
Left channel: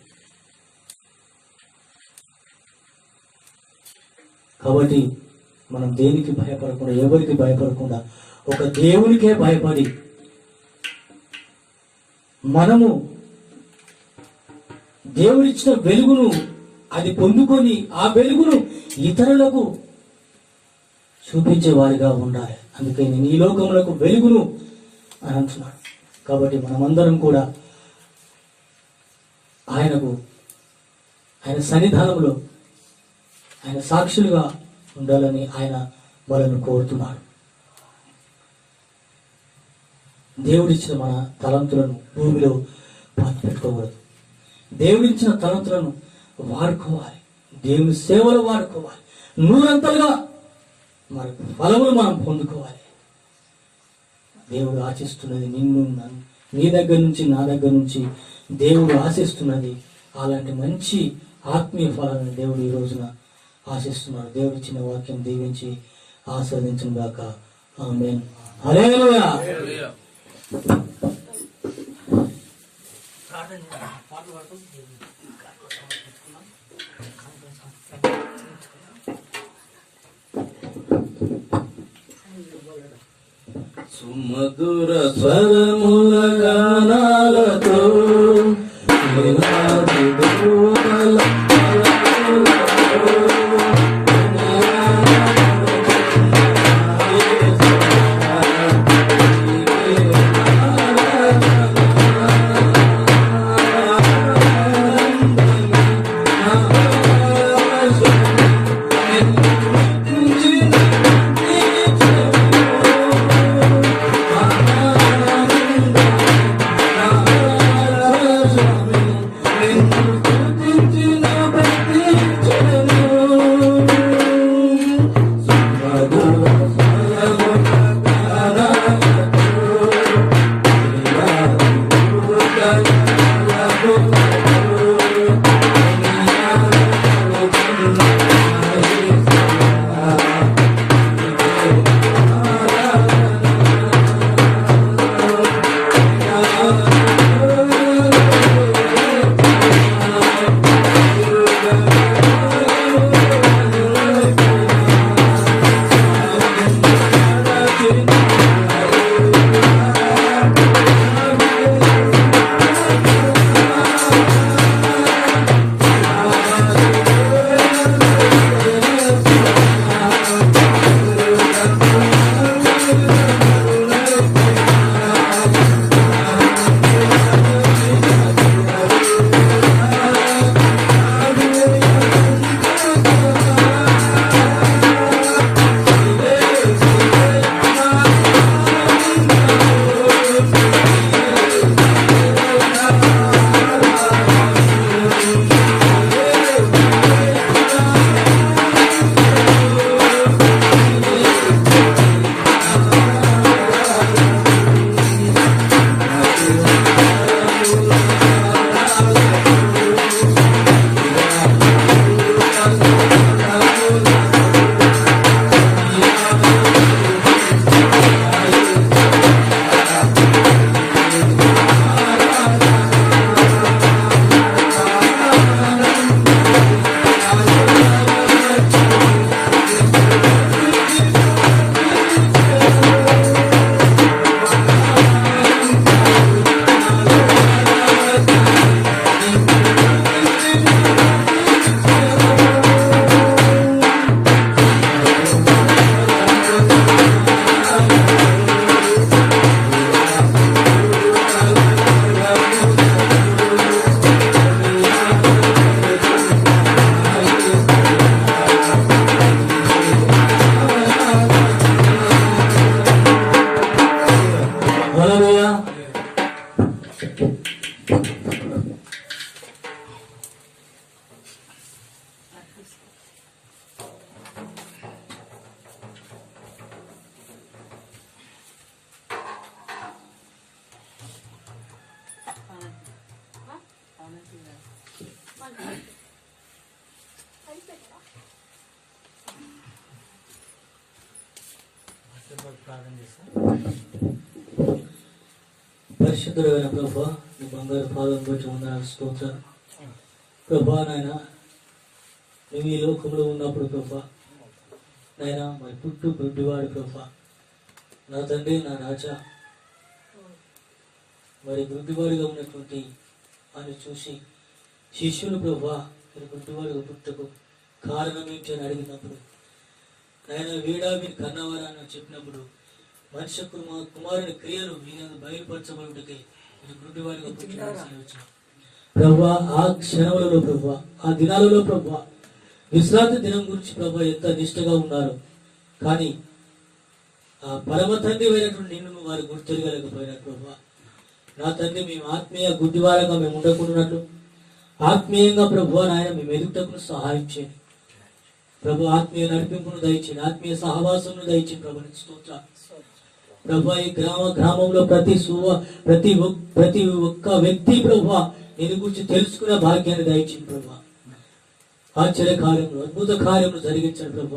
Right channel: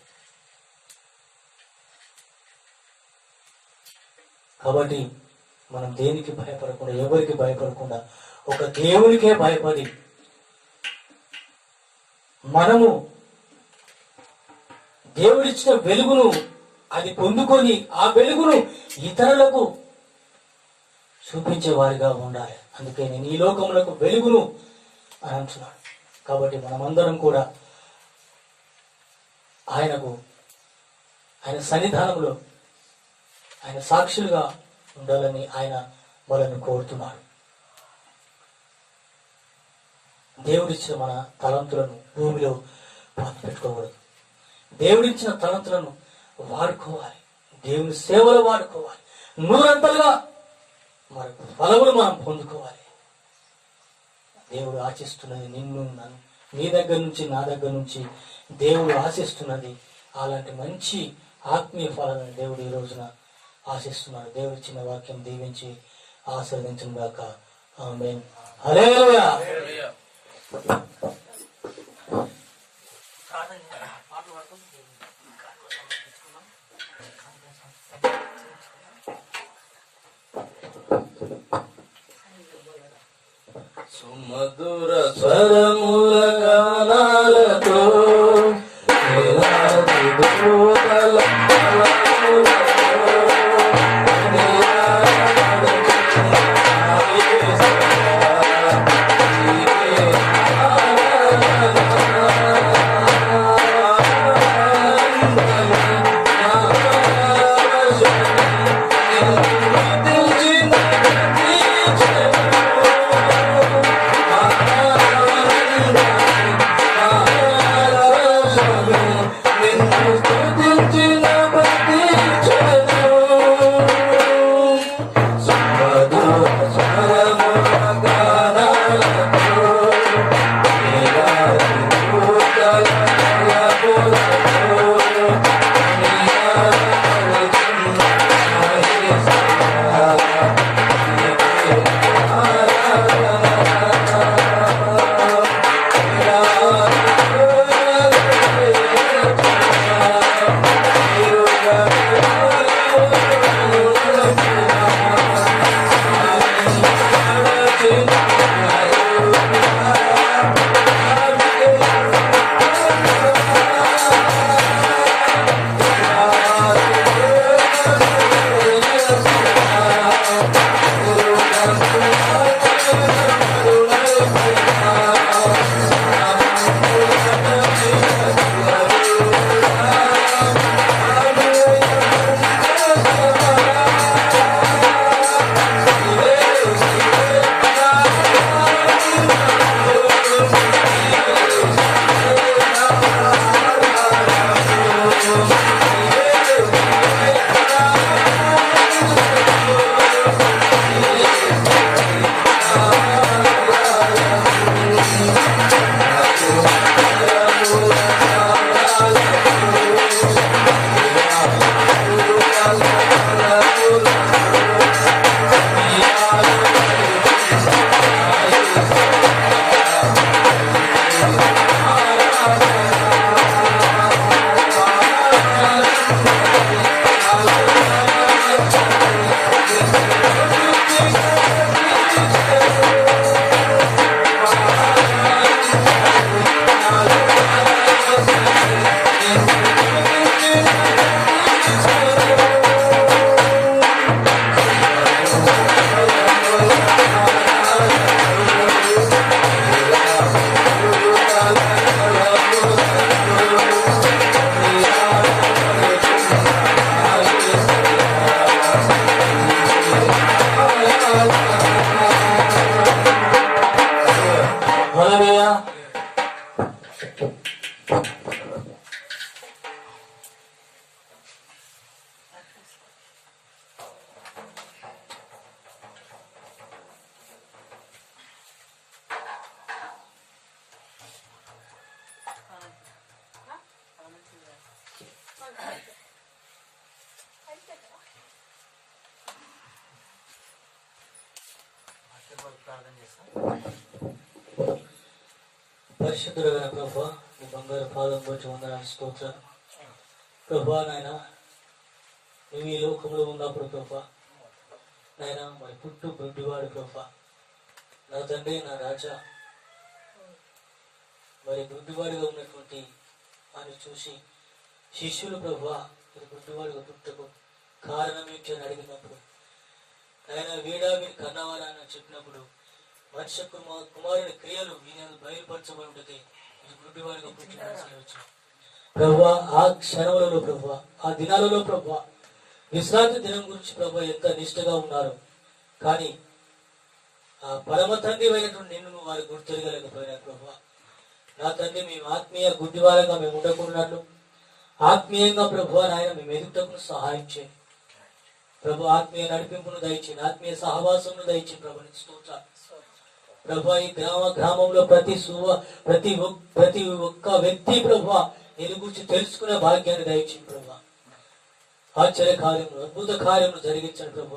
కాబట్టి మనం దేనికి భయపడకుండా, ఎవరికి భయపడకుండా, ఒక దేవునికే భయపడి మనము దేవుడిచ్చిన వెలుగును అది పొందుకొని ఆ వెలుగును ఇతరులకు చూపించే వారిగా ఉండాలి. అందుకే నేను ఈ లోకములకు వెలుగును అని అంటున్నాడు. కాబట్టి మనమందరం కూడా ఆయన సన్నిధానంలో ఆయన సాక్షులుగా ఉండాలని ఆయన మనల్ని కోరుతున్నాడు. దేవుడిచ్చిన మన తలంతులను భూమిలో పెట్టుకోకూడదు. దేవుడిచ్చిన తలంతులను వాడుకోవాలి, దేవుని సేవలు వాడుకోవాలి, నూరంతలుగా మన ఫలములు మనం పొందుకోవాలి. దేవుడు ఆశిస్తున్నది నిన్ను నన్ను, నీ దగ్గర నుంచి నా దగ్గర నుంచి దేవుడు ఆశిస్తున్నది అలాంటి మంచి ఆత్మీయ ఫలాలను దేవుడు ఈ రోజున ఆశిస్తున్నాడు. దేవుడు ఇచ్చిన వాక్యం దీవించి ఆస్వాదించిన గాక. ఆమేన్. హల్లెలూయా. సుమధుర స్వరముల గానాలతో వేలాది దూతల పరిశుద్ధుడైన ప్రభా, నీ బంగారు పాదం బట్టి వందనాలు, స్తోత్రాలు ప్రభా. నాయన నువ్వు ఈ లోకంలో ఉన్నప్పుడు ప్రభా, నాయన మరి పుట్టు గుడ్డివాడు ప్రభా, నా తండ్రి, నా రాజా, మరి గుడ్డివాడిగా ఉన్నటువంటి ఆయన చూసి శిష్యులు ప్రభా మరి గుడ్డివాడిగా పుట్టకు కారణం ఏంటి అని అడిగినప్పుడు, ఆయన వీడా మీరు కన్నవారని చెప్పినప్పుడు, మనిషి కుమారుని క్రియలు ఈయన బయలుపరచబడితే ఇది గుడ్డివాడిగా పుట్టిన ప్రభా. ఆ క్షణములలో ప్రభా, ఆ దినాలలో ప్రభా, విశ్రాంతి దినం గురించి ప్రభా ఎంత నిష్ఠగా ఉన్నారు. కానీ ఆ పరమ తండ్రి అయినటువంటి నిన్ను వారు గుర్తెరగలేకపోయినారు ప్రభా. నా తండ్రి, మేము ఆత్మీయ గుడ్డివారంగా మేము ఉండకుండాట్లు ఆత్మీయంగా ప్రభు నాయన మేము ఎదుగుటకు సహాయం చేయండి ప్రభు. ఆత్మీయ నడిపింపును దయచేయండి, ఆత్మీయ సహవాసమును దయచేయండి ప్రభు. స్తోత్రాలు ప్రభా. ఈ గ్రామంలో ప్రతి ఒక్క వ్యక్తి ప్రభా నేను గురించి తెలుసుకునే భాగ్యాన్ని దయచేయండి ప్రభా. ఆశ్చర్య కార్యములు, అద్భుత కార్యములు జరిగించండి ప్రభు.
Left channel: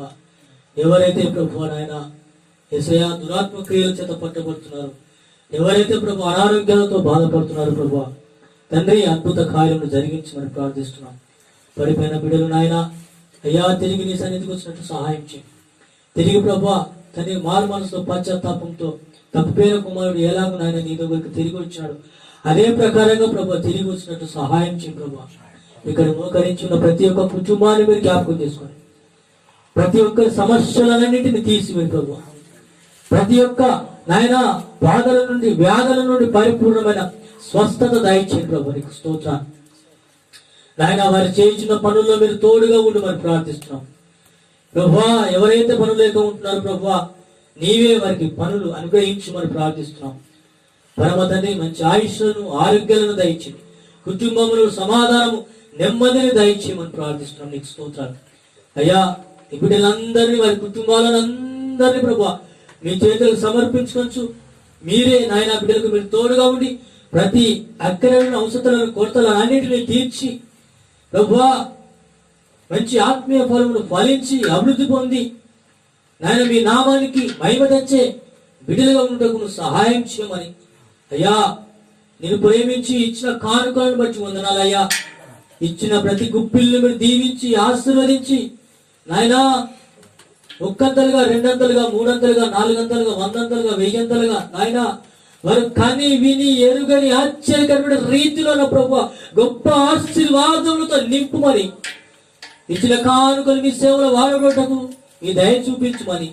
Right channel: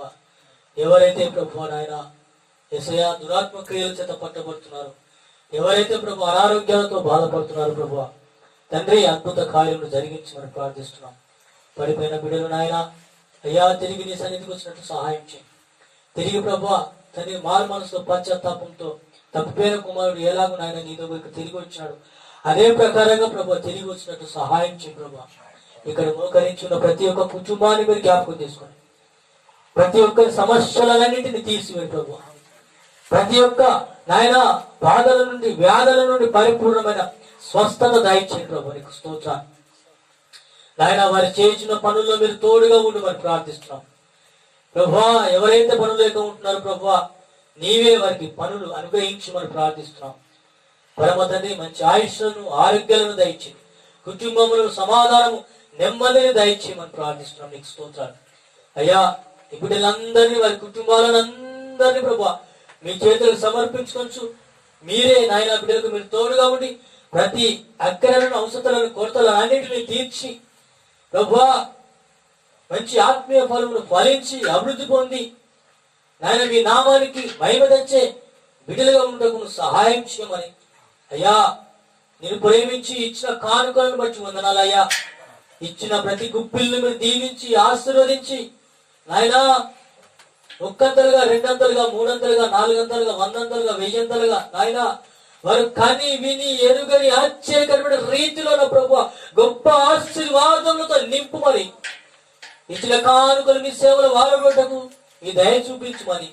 ఎవరైతే ప్రభు నాయన యేసయ్యా దురాత్మ క్రియల చేత పట్టబడుతున్నారు, ఎవరైతే ప్రభు అనారోగ్యాలతో బాధపడుతున్నారు ప్రభు, తండ్రి అద్భుత కార్యములు జరిగించమని ప్రార్థిస్తున్నాం. పడిపోయిన బిడ్డలు నాయన అయ్యా తిరిగి నీ సన్నిధికి వచ్చినట్టు సహాయం చేయండి. తిరిగి ప్రభు తన మారు మనసులో పశ్చాత్తాపంతో తప్పిపోయిన కుమారుడు ఎలాగో నాయన నీ దగ్గరికి తిరిగి వచ్చాడు, అదే ప్రకారంగా ప్రభు తిరిగి వచ్చినట్టు సహాయం చేయి ప్రభు. ఇక్కడ మోకరించి ఉన్న ప్రతి ఒక్క కుటుంబాన్ని మీరు జ్ఞాపకం చేసుకోండి. ప్రతి ఒక్క సమస్యలన్నింటినీ తీసివేయండి ప్రభు. ప్రతి ఒక్క నాయన బాధల నుండి వ్యాధుల నుండి పరిపూర్ణమైన స్వస్థత దయచేయండి ప్రభు. నీకు స్తోత్రాలు నాయన. వారు చేయించిన పనుల్లో మీరు తోడుగా ఉండి మరి ప్రార్థిస్తున్నాం ప్రభా. ఎవరైతే పనులు లేక ఉంటున్నారో ప్రభా, నీవే వారికి పనులు అనుగ్రహించి మరి ప్రార్థిస్తున్నాం. పరమ తండ్రి మంచి ఆయుష్లను ఆరోగ్యాలను దయచేయండి, కుటుంబములు సమాధానము నెమ్మదిని దయచేయమని ప్రార్థిస్తున్నాం. నీకు స్తోత్రాలు అయ్యా. ఈ బిడ్డలందరినీ వారి కుటుంబాలను అందరినీ ప్రభా మీ చేతులకు సమర్పించుకోవచ్చు. మీరే నాయన బిడ్డలకు మీరు తోడుగా ఉండి ప్రతి అక్కరలను అవసరాలను కొరతలను అన్నింటినీ తీర్చి ప్రభా మంచి ఆత్మీయ ఫలములు ఫలించి అభివృద్ధి పొంది నాయన మీ నామానికి మహిమ తెచ్చే బిడ్డలుగా ఉండటకు సహాయం చేయమని అయ్యా. నేను ప్రేమించి ఇచ్చిన కానుకలను బట్టి వందనాలు అయ్యా. ఇచ్చిన ప్రతి గుప్పిల్ని మీరు దీవించి ఆశీర్వదించి నాయనా ఒక్కంతలుగా, రెండంతలుగా, మూడంతలుగా, నాలుగంతలుగా, వందంతలుగా, వెయ్యంతలుగా నాయన వారు కని విని ఎరుగని ఆశ్చర్యకరమైన రీతిలో ప్రభు గొప్ప ఆశీర్వాదములతో నింపుమని ఇచ్చిన కానుకలు నీ సేవలు వాడబోటకు మీ దయ చూపించమని,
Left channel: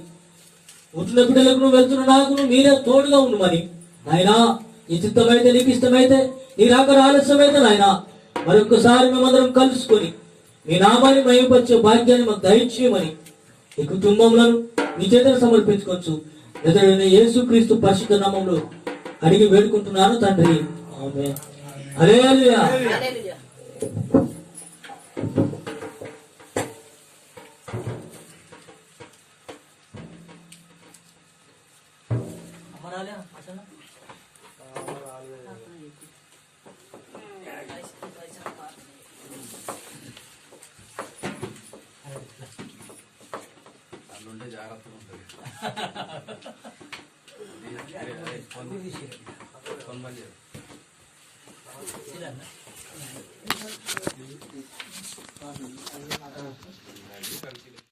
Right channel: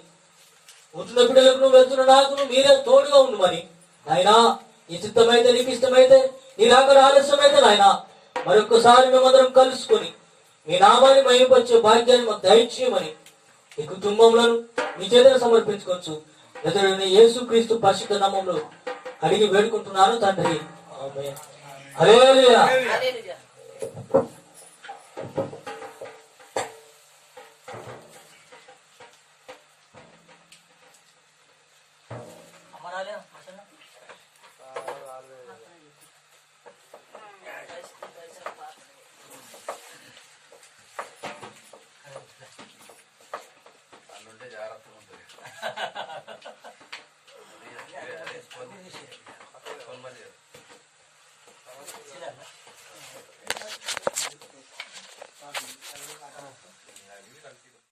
ఉంటున్న బిడ్డలకు నువ్వు వెళ్తున్న నాకు మీరే తోడుగా ఉండమని నాయనా. నీ చిత్తమైతే, నీకు ఇష్టమైతే, నీ రాక ఆలస్యమైతే నాయన మరొకసారి మేమందరం కలుసుకొని మీ నామాన్ని మహిమపరిచే భాగ్యాన్ని మాకు దయచేయమని ఈ కుటుంబంలో మీ చేతులు సమర్పించుకోవచ్చు. యేసుక్రీస్తు పరిశుద్ధ నామములో అడిగి వేడుకుంటున్నాను తండ్రి, ఆమేన్. హల్లెలూయా. హల్లెలూయా. అల్లుంటే జాగ్రత్తగా ఉంటుంది. ఫోన్ బంద్ చేయాలి.